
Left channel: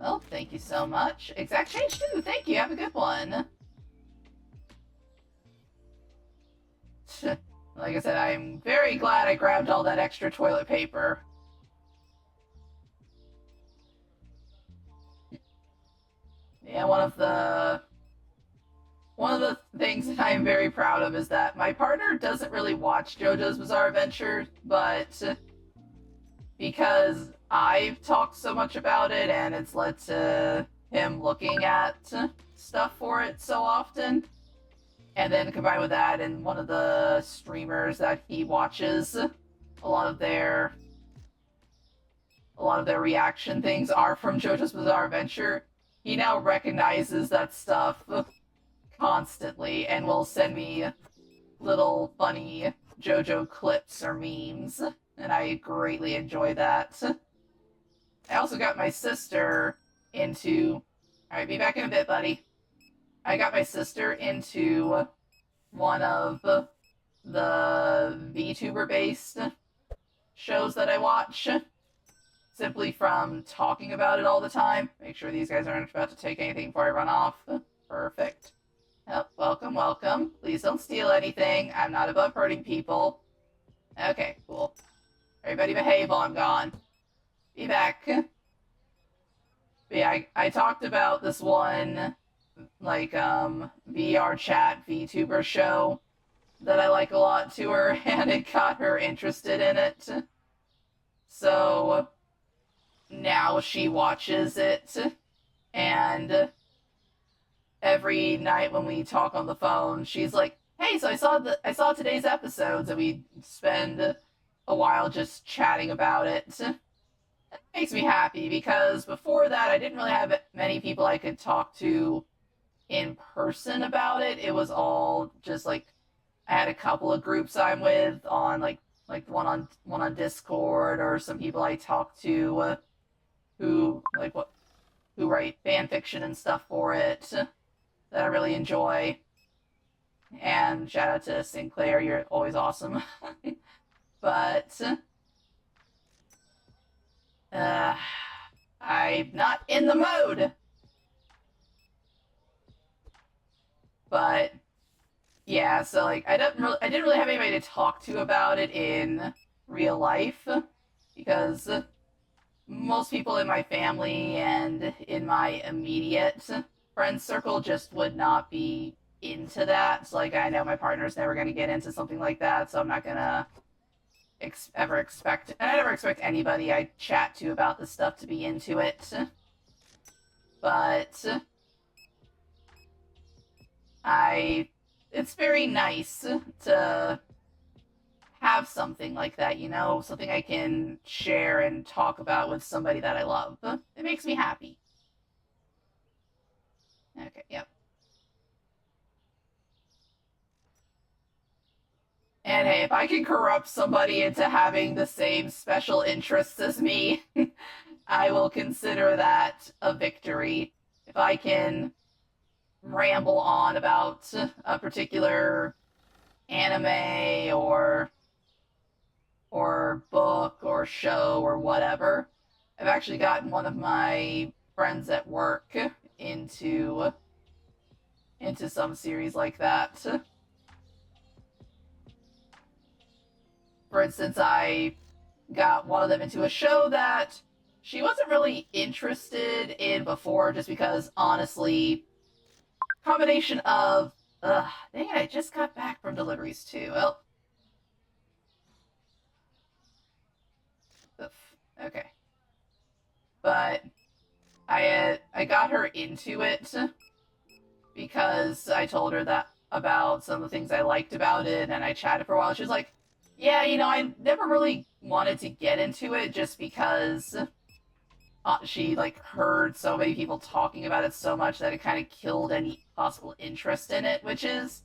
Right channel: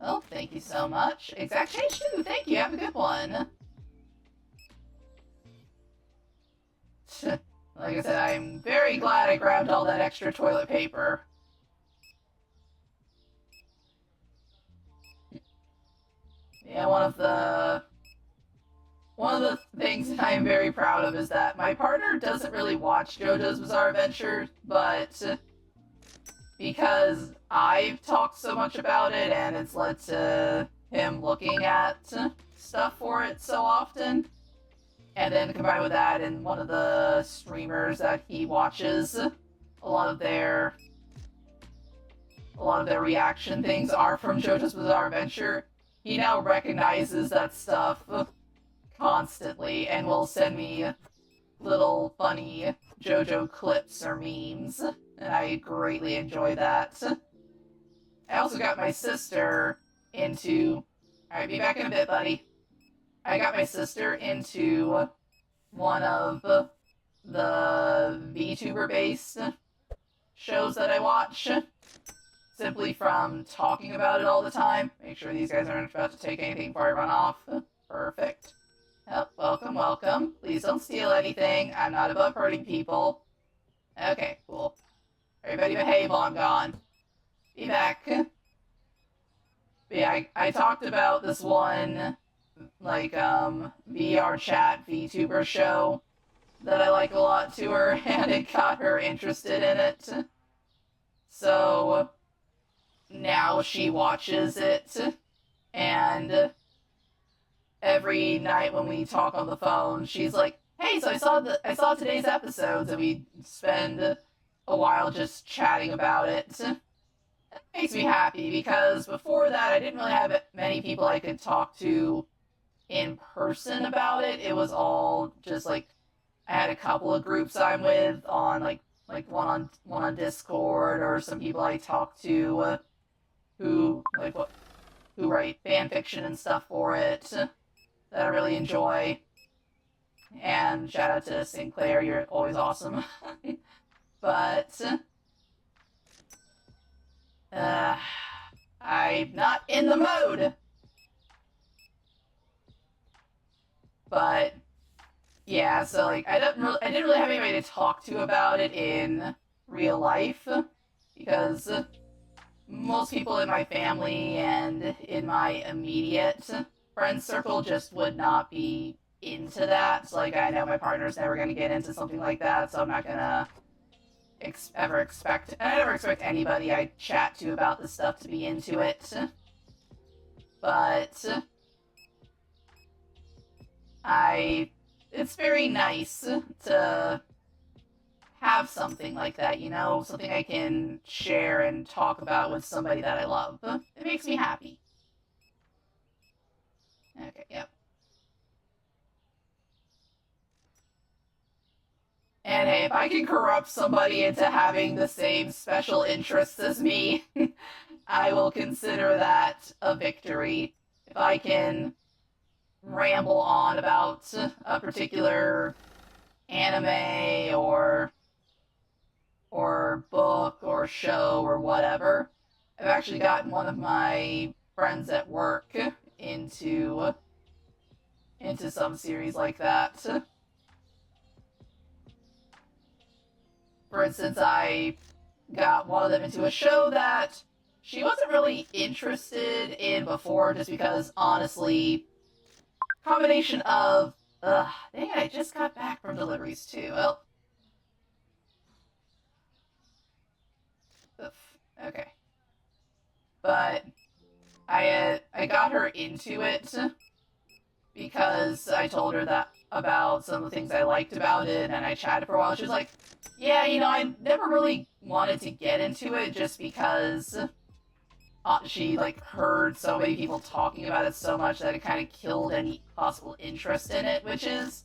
Oh, thank you so much. Exact change too, thank you, have a good one. Like I said, I'm very glad I grabbed all that extra toilet paper. Yeah, one of the things that I am very proud of is that my partner doesn't really watch JoJo's Bizarre Adventure, but because I've talked so much about it and it's led to him looking at stuff for it so often, and then combined with that and one of the streamers that he watches, a lot of their reaction things are from JoJo's Bizarre Adventure. He now recognizes that stuff constantly and will send me little funny JoJo clips or memes, and I greatly enjoy that. I also got my sister into... Alright, be back in a bit, buddy. I got my sister into one of the VTuber-based shows that I watch, simply from talking about it all the time. Make sure these guys aren't about to take anything before I run off. Perfect. Oh, welcome, welcome. Please don't steal anything. I'm not above hurting people. Okay, cool. Everybody behave while I'm gone. Be back. But yeah, I talked about this one, like, VR chat VTuber show that I like a lot to her, and it got her interested in it. So now she watches it, and every night when we talk on the phone, she's like, "Hey, so I saw today's episodes," and we spend a while just chatting about it. It makes me happy because before that, I didn't really have many people I could talk to in person about it. It was all just like I had a couple of groups I'm with on like one on Discord, or some people I talk to who like what who write fan fiction and stuff for it that I really enjoy. And shout out to Sinclair, you're always awesome. But uh, I'm not in the mood. But yeah, so like I didn't really have anybody to talk to about it in real life because most people in my family and in my immediate friend circle just would not be into that. So, like, I know my partner's never going to get into something like that, so I'm not going to ever expect, and I never expect anybody I chat to about this stuff to be into it. But it's very nice to have something like that, you know, something I can share and talk about with somebody that I love. It makes me happy. Okay, yep. And hey, if I can corrupt somebody into having the same special interests as me, I will consider that a victory. If I can ramble on about a particular anime or book or show or whatever. I've actually gotten one of my friends at work into into some series like that. For instance, I got one of them into a show that she wasn't really interested in before, just because honestly, combination of dang it, I just got back from deliveries too. Well, oof, okay, but I got her into it because I told her that about some of the things I liked about it, and I chatted for a while. She was like, "Yeah, you know, I never really wanted to get into it just because she like heard so many people talking about it so much that it kind of killed any possible interest in it," which is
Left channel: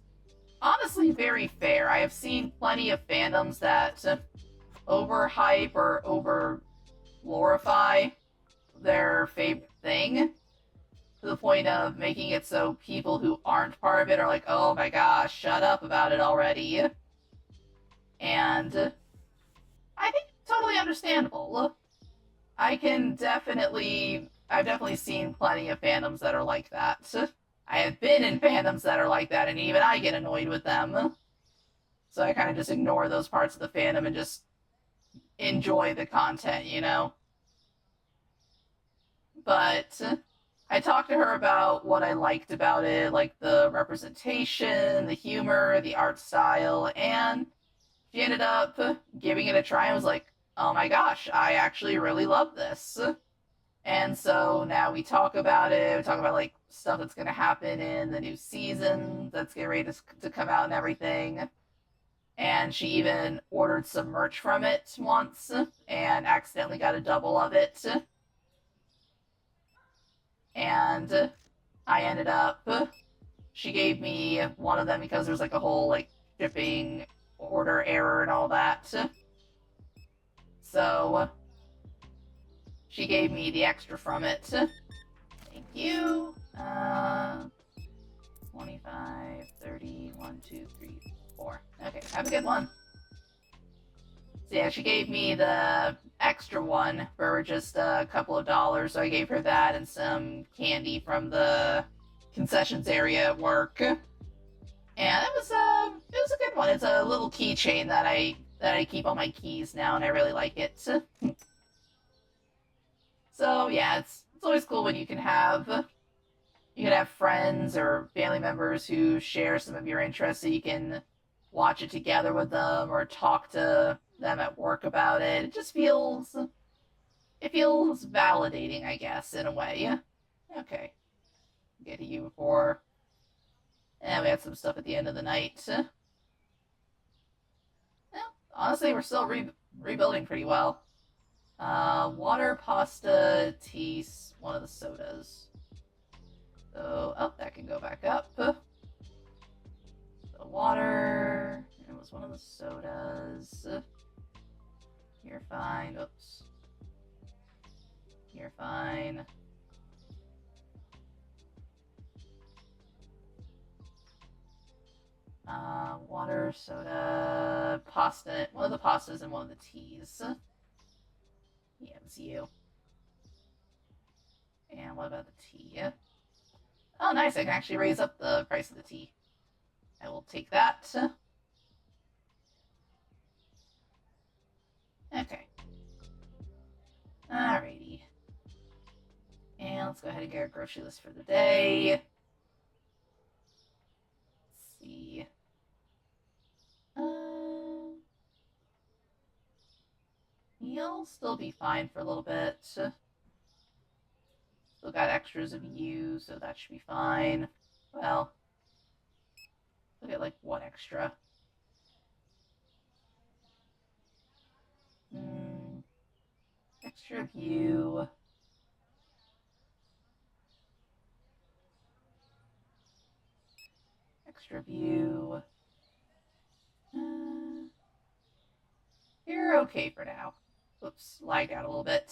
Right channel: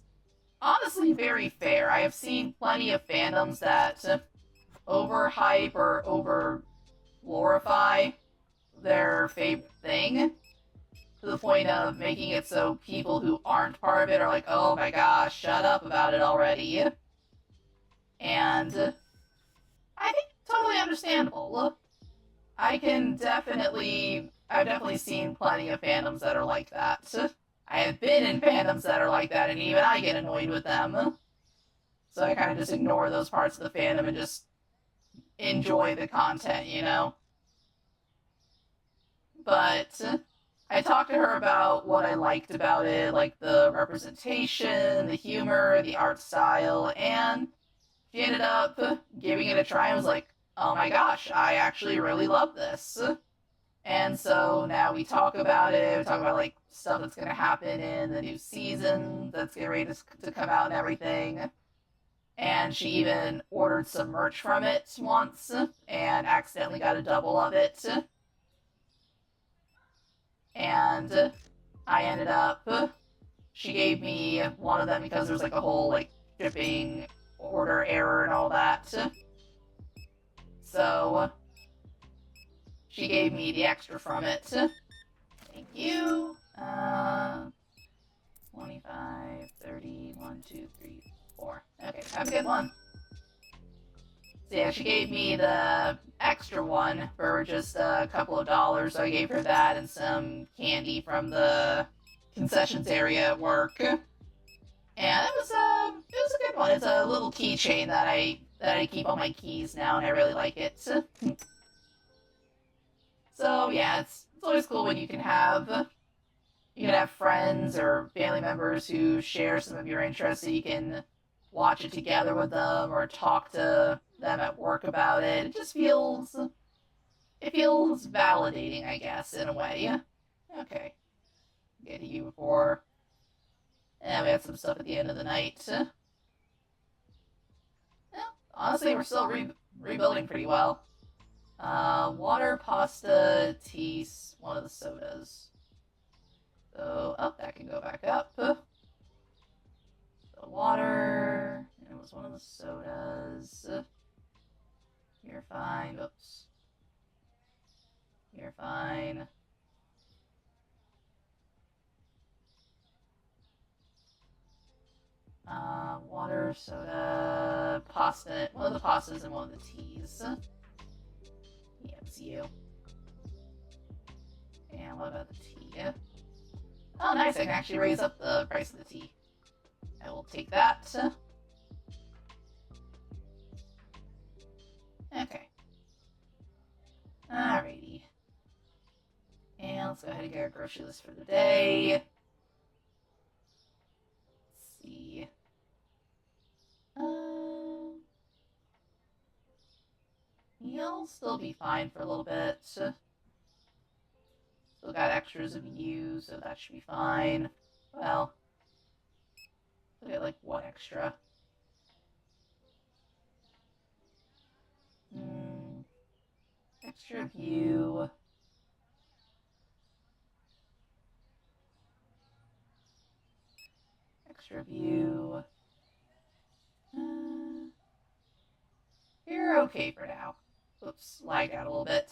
honestly very fair. I have seen plenty of fandoms that overhype or over glorify their favorite thing to the point of making it so people who aren't part of it are like, "Oh my gosh, shut up about it already." And I think totally understandable. I've definitely seen plenty of fandoms that are like that. I have been in fandoms that are like that, and even I get annoyed with them. So I kind of just ignore those parts of the fandom and just enjoy the content, you know? But I talked to her about what I liked about it, like the representation, the humor, the art style, and she ended up giving it a try and was like, "Oh my gosh, I actually really love this." And so now we talk about it. We talk about like stuff that's going to happen in the new season that's getting ready to come out and everything. And she even ordered some merch from it once and accidentally got a double of it. And I ended up, she gave me one of them because there's like a whole like shipping order error and all that. So she gave me the extra from it. Thank you. 25, 30, 1, 2, 3, 4. Okay, have a good one. So yeah, she gave me the extra one for just a couple of dollars. So I gave her that and some candy from the concessions area at work. And it was a good one. It's a little keychain that I keep on my keys now, and I really like it. So yeah, it's It's always cool when you can have friends or family members who share some of your interests, so you can watch it together with them or talk to them at work about it. It feels validating, I guess, in a way. Okay, get to you before. And we had some stuff at the end of the night. Yeah, honestly, we're still rebuilding pretty well. Water, pasta, tea, one of the sodas. So, oh, that can go back up. The water, it was one of the sodas. You're fine. Oops. You're fine. Water, soda, pasta. One of the pastas and one of the teas. Yeah, it's you. And what about the tea? Oh, nice. I can actually raise up the price of the tea. I will take that. Okay. Alrighty. And let's go ahead and get our grocery list for the day. Let's see. You'll still be fine for a little bit. Still got extras of you, so that should be fine. Well, look at like one extra. Extra of you. Extra of you. You're okay for now. Oops, lagged out a little bit.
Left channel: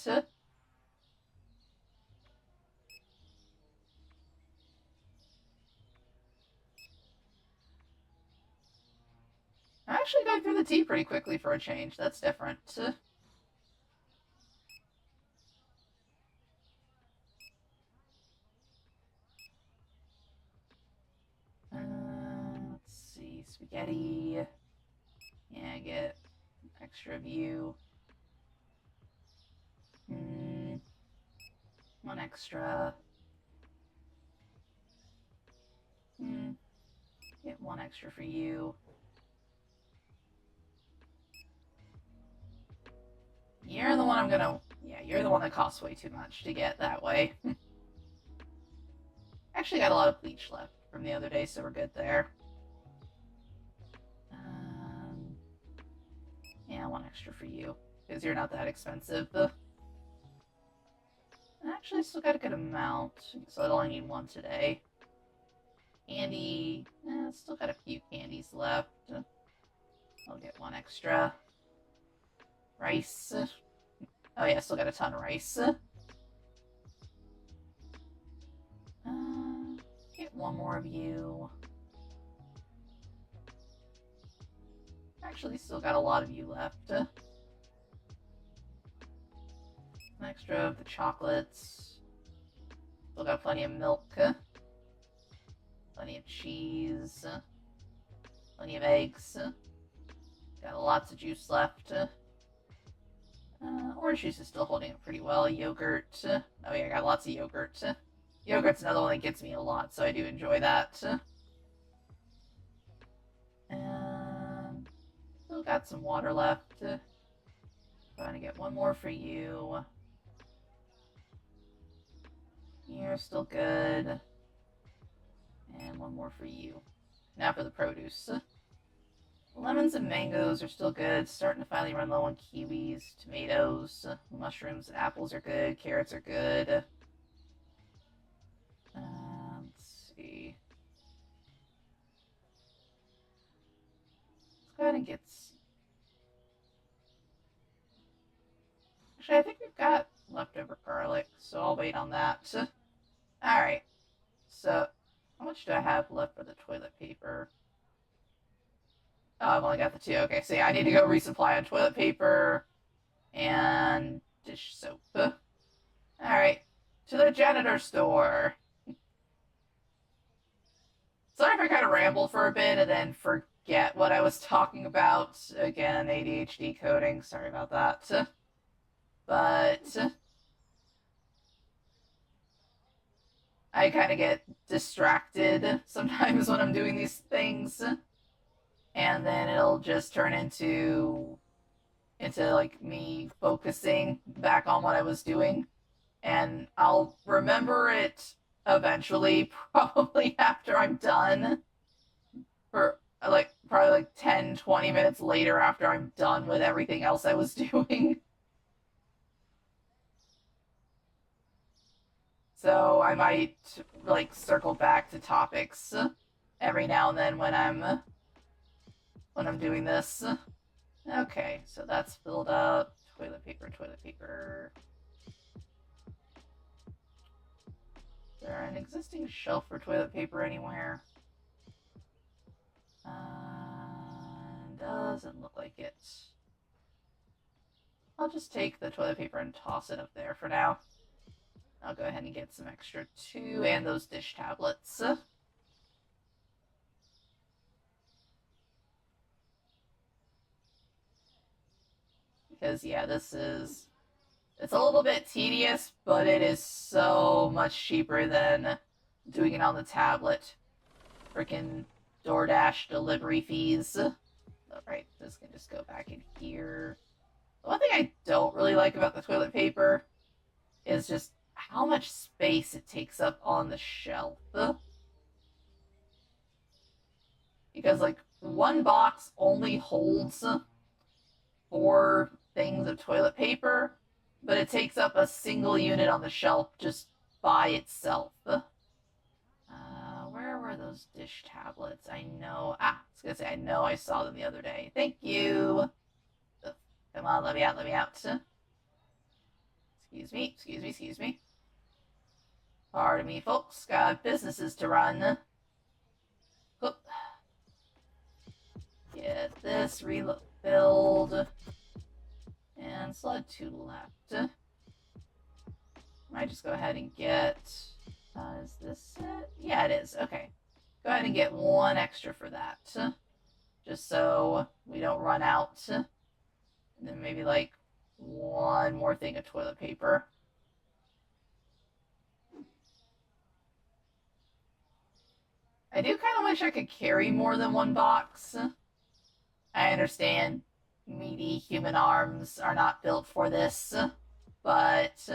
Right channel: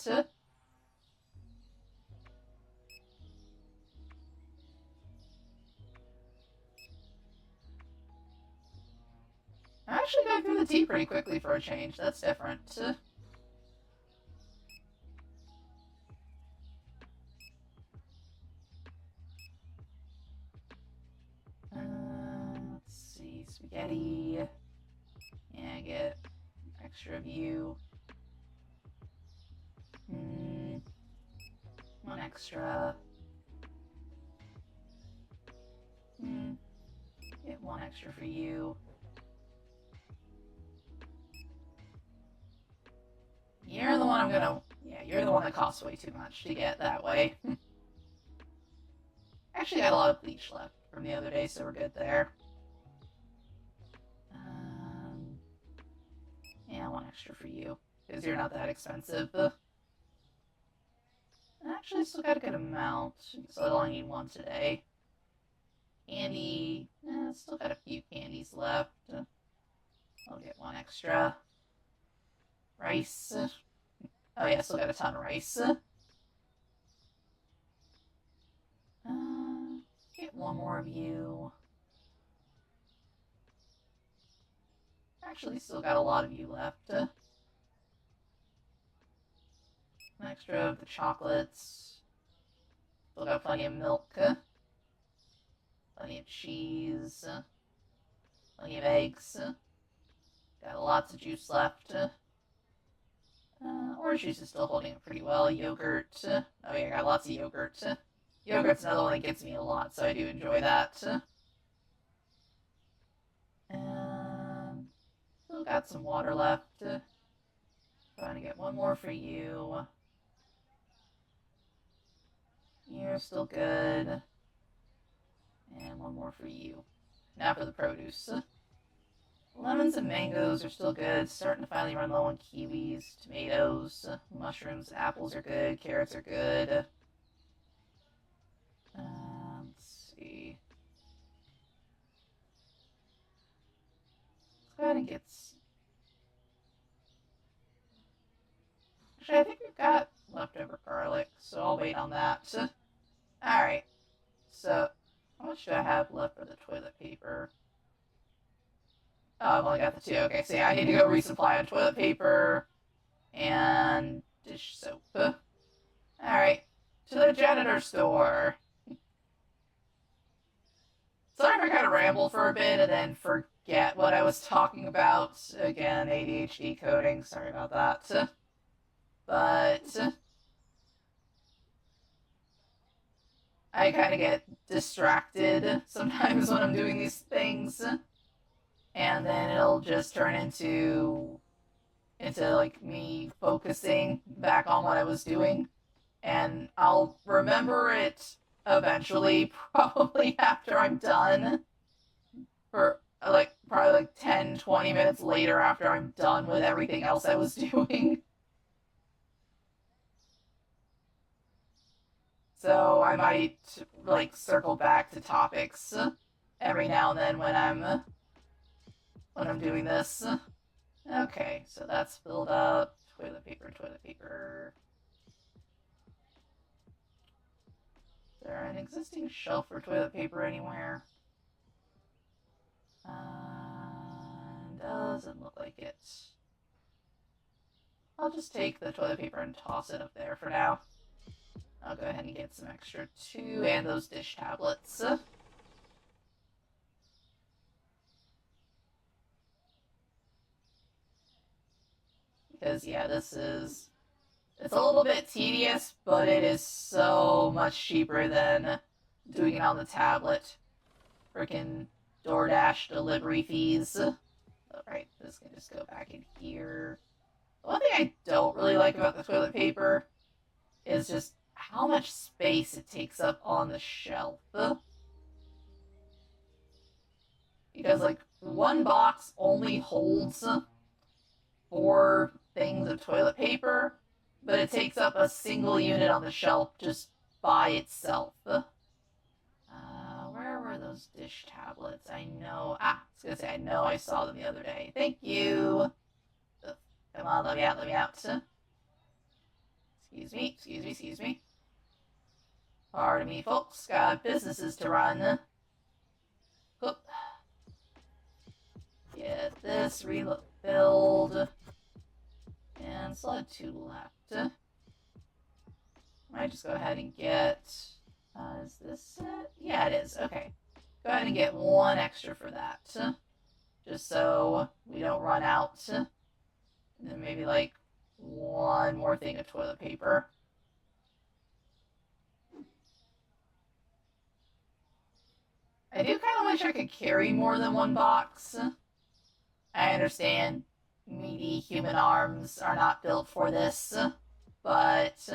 I'm actually going through the tea pretty quickly for a change. That's different. Let's see, spaghetti. Yeah, get extra of you. One extra. Get one extra for you. You're the one I'm gonna... Yeah, you're the one that costs way too much to get that way. Actually got a lot of bleach left from the other day, so we're good there. Yeah, one extra for you, because you're not that expensive. Actually, still got a good amount, so I only need one today. Candy, still got a few candies left. I'll get one extra. Rice. Oh yeah, still got a ton of rice. Get one more of you. Actually, still got a lot of you left. An extra of the chocolates. Still got plenty of milk. Plenty of cheese. Plenty of eggs. Got lots of juice left. Orange juice is still holding it pretty well. Yogurt. Oh yeah, I got lots of yogurt. Yogurt's another one that gets me a lot, so I do enjoy that. Still got some water left. Trying to get one more for you. You're still good. And one more for you. Now for the produce. Lemons and mangoes are still good. Starting to finally run low on kiwis, tomatoes, mushrooms and apples are good. Carrots are good. Let's see. Kind of gets. Actually, I think we've got leftover garlic, so I'll wait on that. Alright. So, how much do I have left for the toilet paper? Oh, I've only got the two. Okay, so yeah, I need to go resupply on toilet paper and dish soap. Alright, to the janitor store. Sorry if I kind of ramble for a bit and then forget what I was talking about. Again, ADHD coding, sorry about that. But I kind of get distracted sometimes when I'm doing these things, and then it'll just turn into like me focusing back on what I was doing, and I'll remember it eventually, probably after I'm done, for like probably like 10, 20 minutes later after I'm done with everything else I was doing. So I might like circle back to topics every now and then when I'm doing this. Okay, so that's filled up. Toilet paper, toilet paper. Is there an existing shelf for toilet paper anywhere? Doesn't look like it. I'll just take the toilet paper and toss it up there for now. I'll go ahead and get some extra too, and those dish tablets. Because, yeah, it's a little bit tedious, but it is so much cheaper than doing it on the tablet. Freaking DoorDash delivery fees. Alright, this can just go back in here. The one thing I don't really like about the toilet paper is just how much space it takes up on the shelf. Because, like, one box only holds 4 things of toilet paper, but it takes up a single unit on the shelf just by itself. Where were those dish tablets? I know. I was gonna say, I know I saw them the other day. Thank you. Come on, let me out, let me out. Excuse me, excuse me, excuse me. Pardon me, folks. Got businesses to run. Oop. Get this refilled. And still had 2 left. Might just go ahead and get... is this it? Yeah, it is. Okay. Go ahead and get 1 extra for that. Just so we don't run out. And then maybe like 1 more thing of toilet paper. I do kind of wish I could carry more than 1 box. I understand meaty human arms are not built for this, but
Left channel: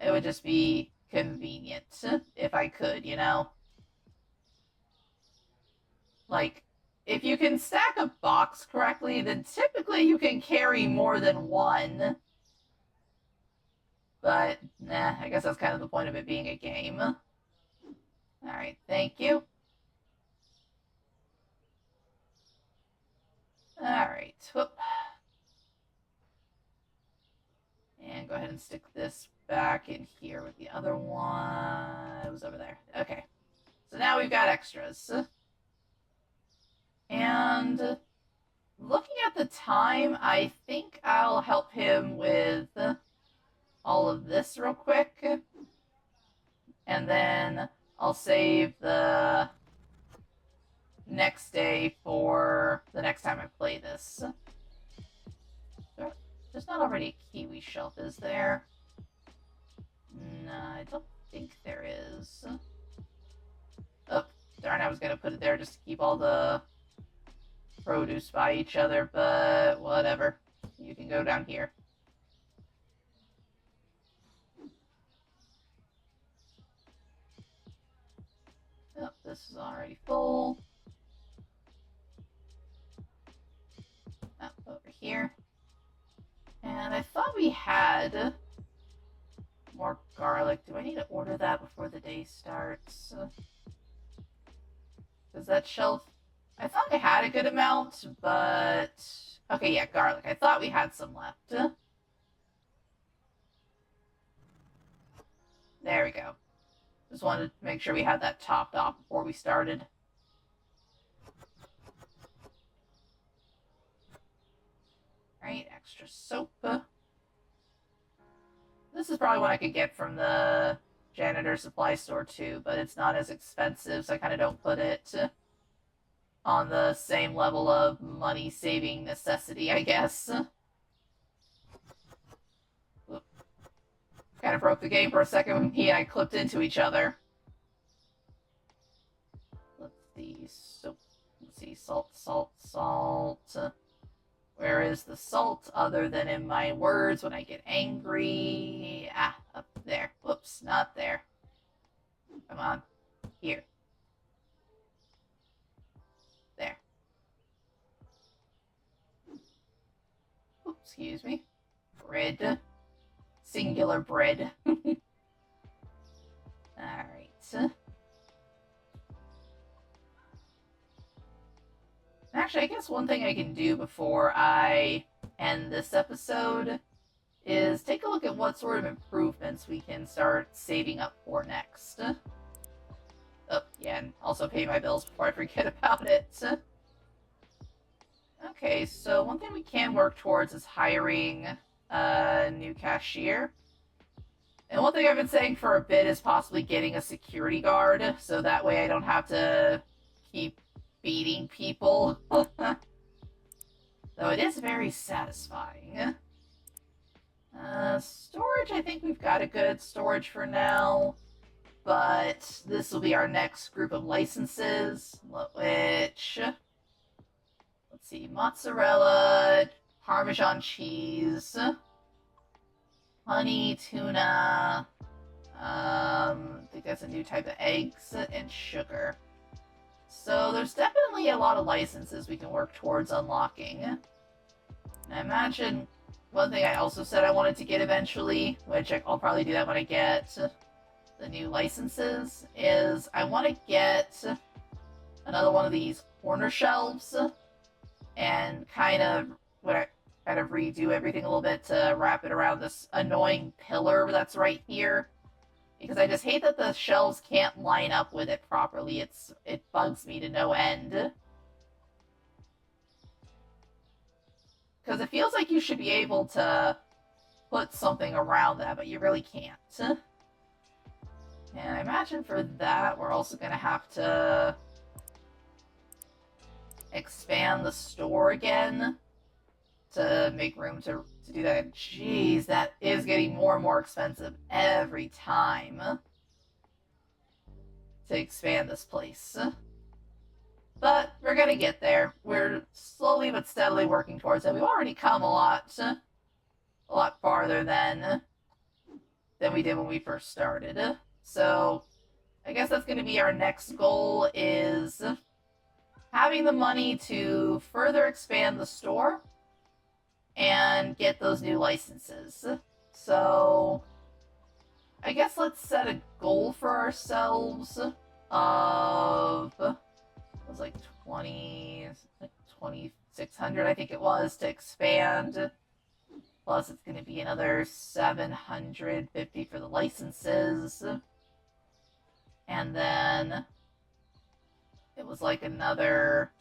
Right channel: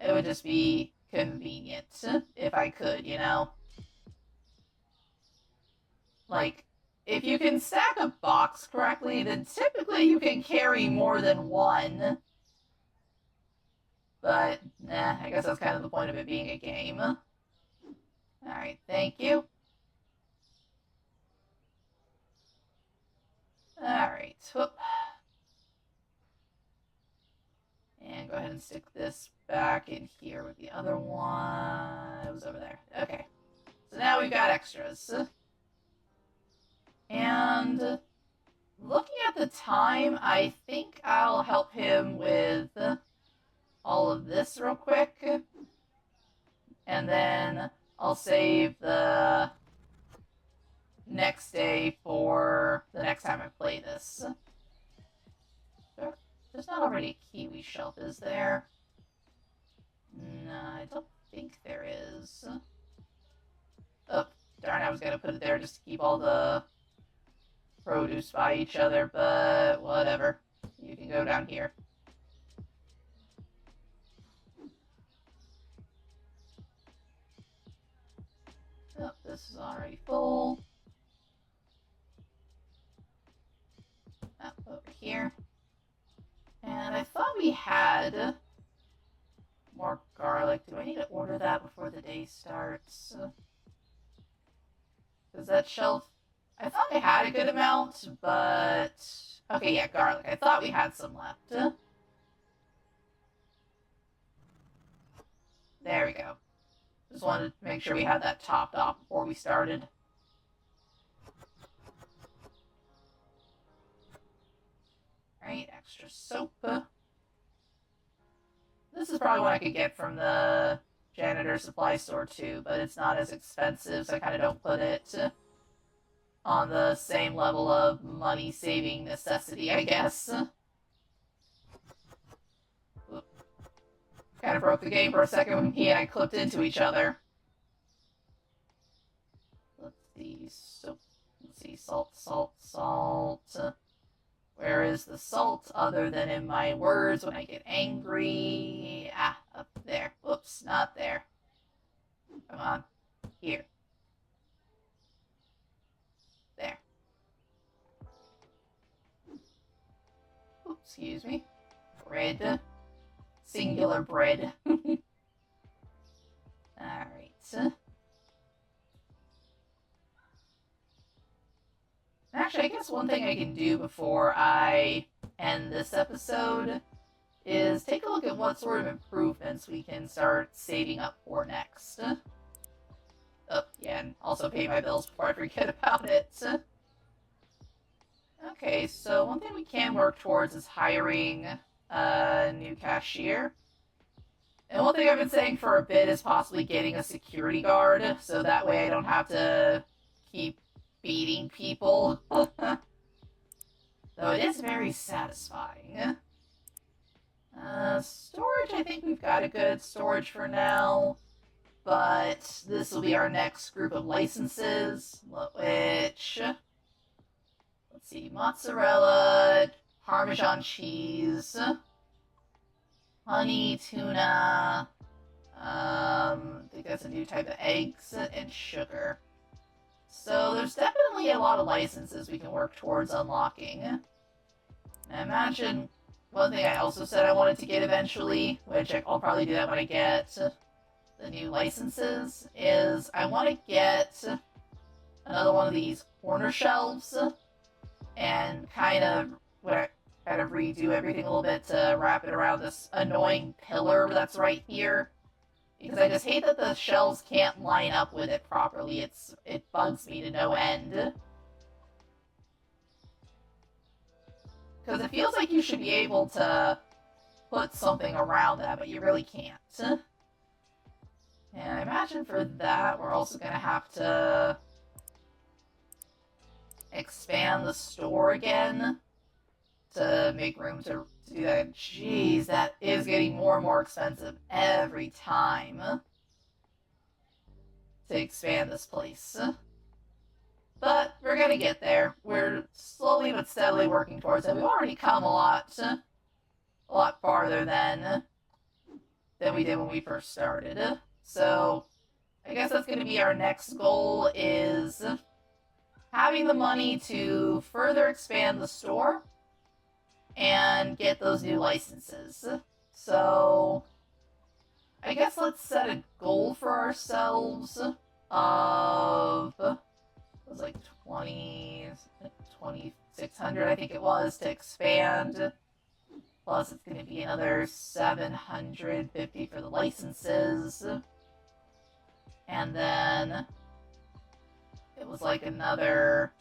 it would just be convenient if I could, you know? Like, if you can stack a box correctly, then typically you can carry more than 1. But, I guess that's kind of the point of it being a game. Alright, thank you. Alright, whoop. And go ahead and stick this back in here with the other one. It was over there. Okay. So now we've got extras. And looking at the time, I think I'll help him with all of this real quick. And then I'll save the next day for the next time I play this. There's not already a kiwi shelf, is there? No, I don't think there is. Oh, darn, I was gonna put it there just to keep all the produce by each other, but whatever. You can go down here. Oh, this is already full. Over here. And I thought we had more garlic. Do I need to order that before the day starts? Does that shelf... I thought I had a good amount, but... Okay, yeah, garlic. I thought we had some left. There we go. Just wanted to make sure we had that topped off before we started. Right, extra soap. This is probably what I could get from the janitor supply store too, but it's not as expensive, so I kind of don't put it on the same level of money-saving necessity, I guess. Kind of broke the game for a second when he and I clipped into each other. the soap. Let's see, salt. Where is the salt other than in my words when I get angry? Ah, up there. Whoops, not there. Come on. Here. There. Oops, excuse me. Bread. Singular bread. Alright. Actually, I guess one thing I can do before I end this episode is take a look at what sort of improvements we can start saving up for next. Oh, yeah, and also pay my bills before I forget about it. Okay, so one thing we can work towards is hiring a new cashier. And one thing I've been saying for a bit is possibly getting a security guard, so that way I don't have to keep beating people. Though it is very satisfying. Storage, I think we've got a good storage for now. But this will be our next group of licenses, which... Let's see, mozzarella, Parmesan cheese, honey, tuna, I think that's a new type of eggs, and sugar. So there's definitely a lot of licenses we can work towards unlocking. And I imagine one thing I also said I wanted to get eventually, which I'll probably do that when I get the new licenses, is I want to get another one of these corner shelves and kind of redo everything a little bit to wrap it around this annoying pillar that's right here. Because I just hate that the shelves can't line up with it properly. It bugs me to no end. Because it feels like you should be able to put something around that, but you really can't. And I imagine for that, we're also going to have to expand the store again to make room to do that. Jeez, that is getting more and more expensive every time to expand this place. But we're gonna get there. We're slowly but steadily working towards it. We've already come a lot farther than we did when we first started. So I guess that's gonna be our next goal, is having the money to further expand the store and get those new licenses. So I guess let's set a goal for ourselves of, it was like 2,600 I think it was, to expand. Plus it's going to be another 750 for the licenses. And then it was like another,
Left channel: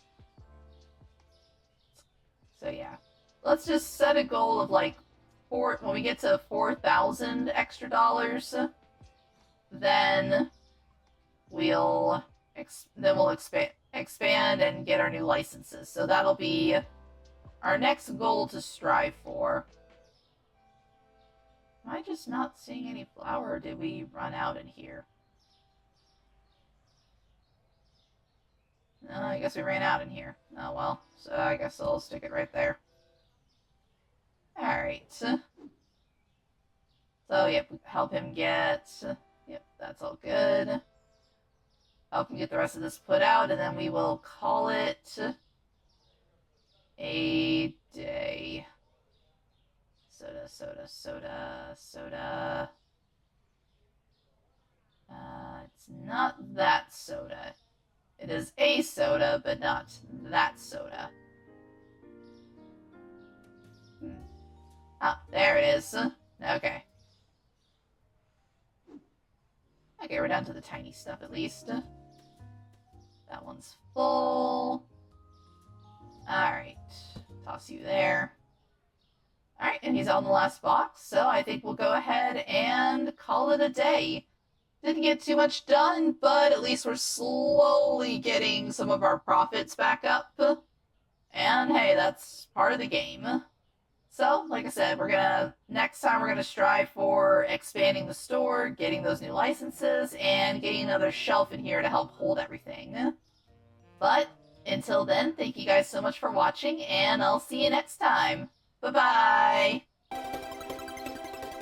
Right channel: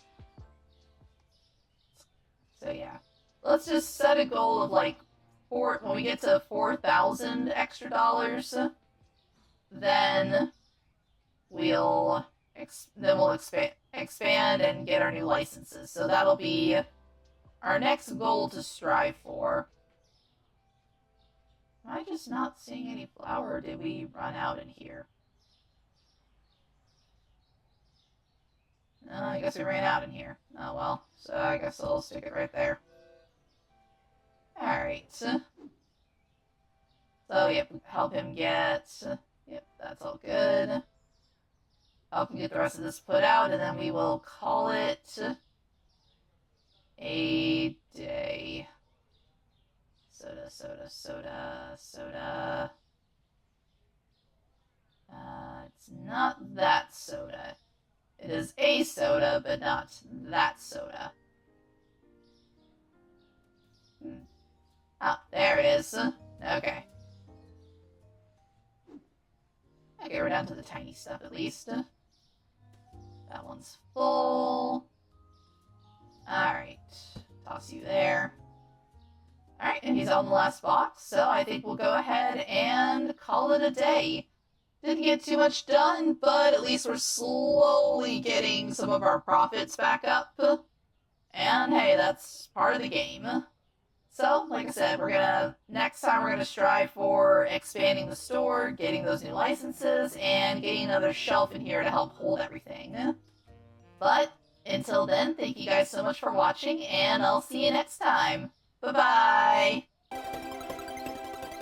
so yeah. Let's just set a goal of like when we get to 4,000 extra dollars, then we'll expand and get our new licenses. So that'll be our next goal to strive for. Am I just not seeing any flour, or did we run out in here? No, I guess we ran out in here. Oh well, so I guess I'll stick it right there. Alright. So, yep, help him get... Yep, that's all good. Help him get the rest of this put out, and then we will call it a day. Soda. It's not that soda. It is a soda, but not that soda. Ah, there it is. Okay. Okay, we're down to the tiny stuff at least. That one's full. Alright. Toss you there. Alright, and he's on the last box, so I think we'll go ahead and call it a day. Didn't get too much done, but at least we're slowly getting some of our profits back up. And hey, that's part of the game. So, like I said, next time we're gonna strive for expanding the store, getting those new licenses, and getting another shelf in here to help hold everything. But until then, thank you guys so much for watching, and I'll see you next time. Bye-bye!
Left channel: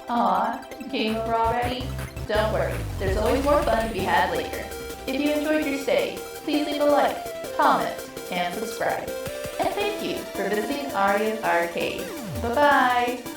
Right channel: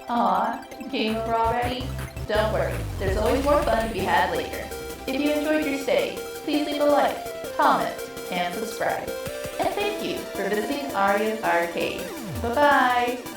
Aw, game over already? Don't worry, there's always more fun to be had later. If you enjoyed your stay, please leave a like, comment, and subscribe. And thank you for visiting Arya's Arcade. Bye-bye!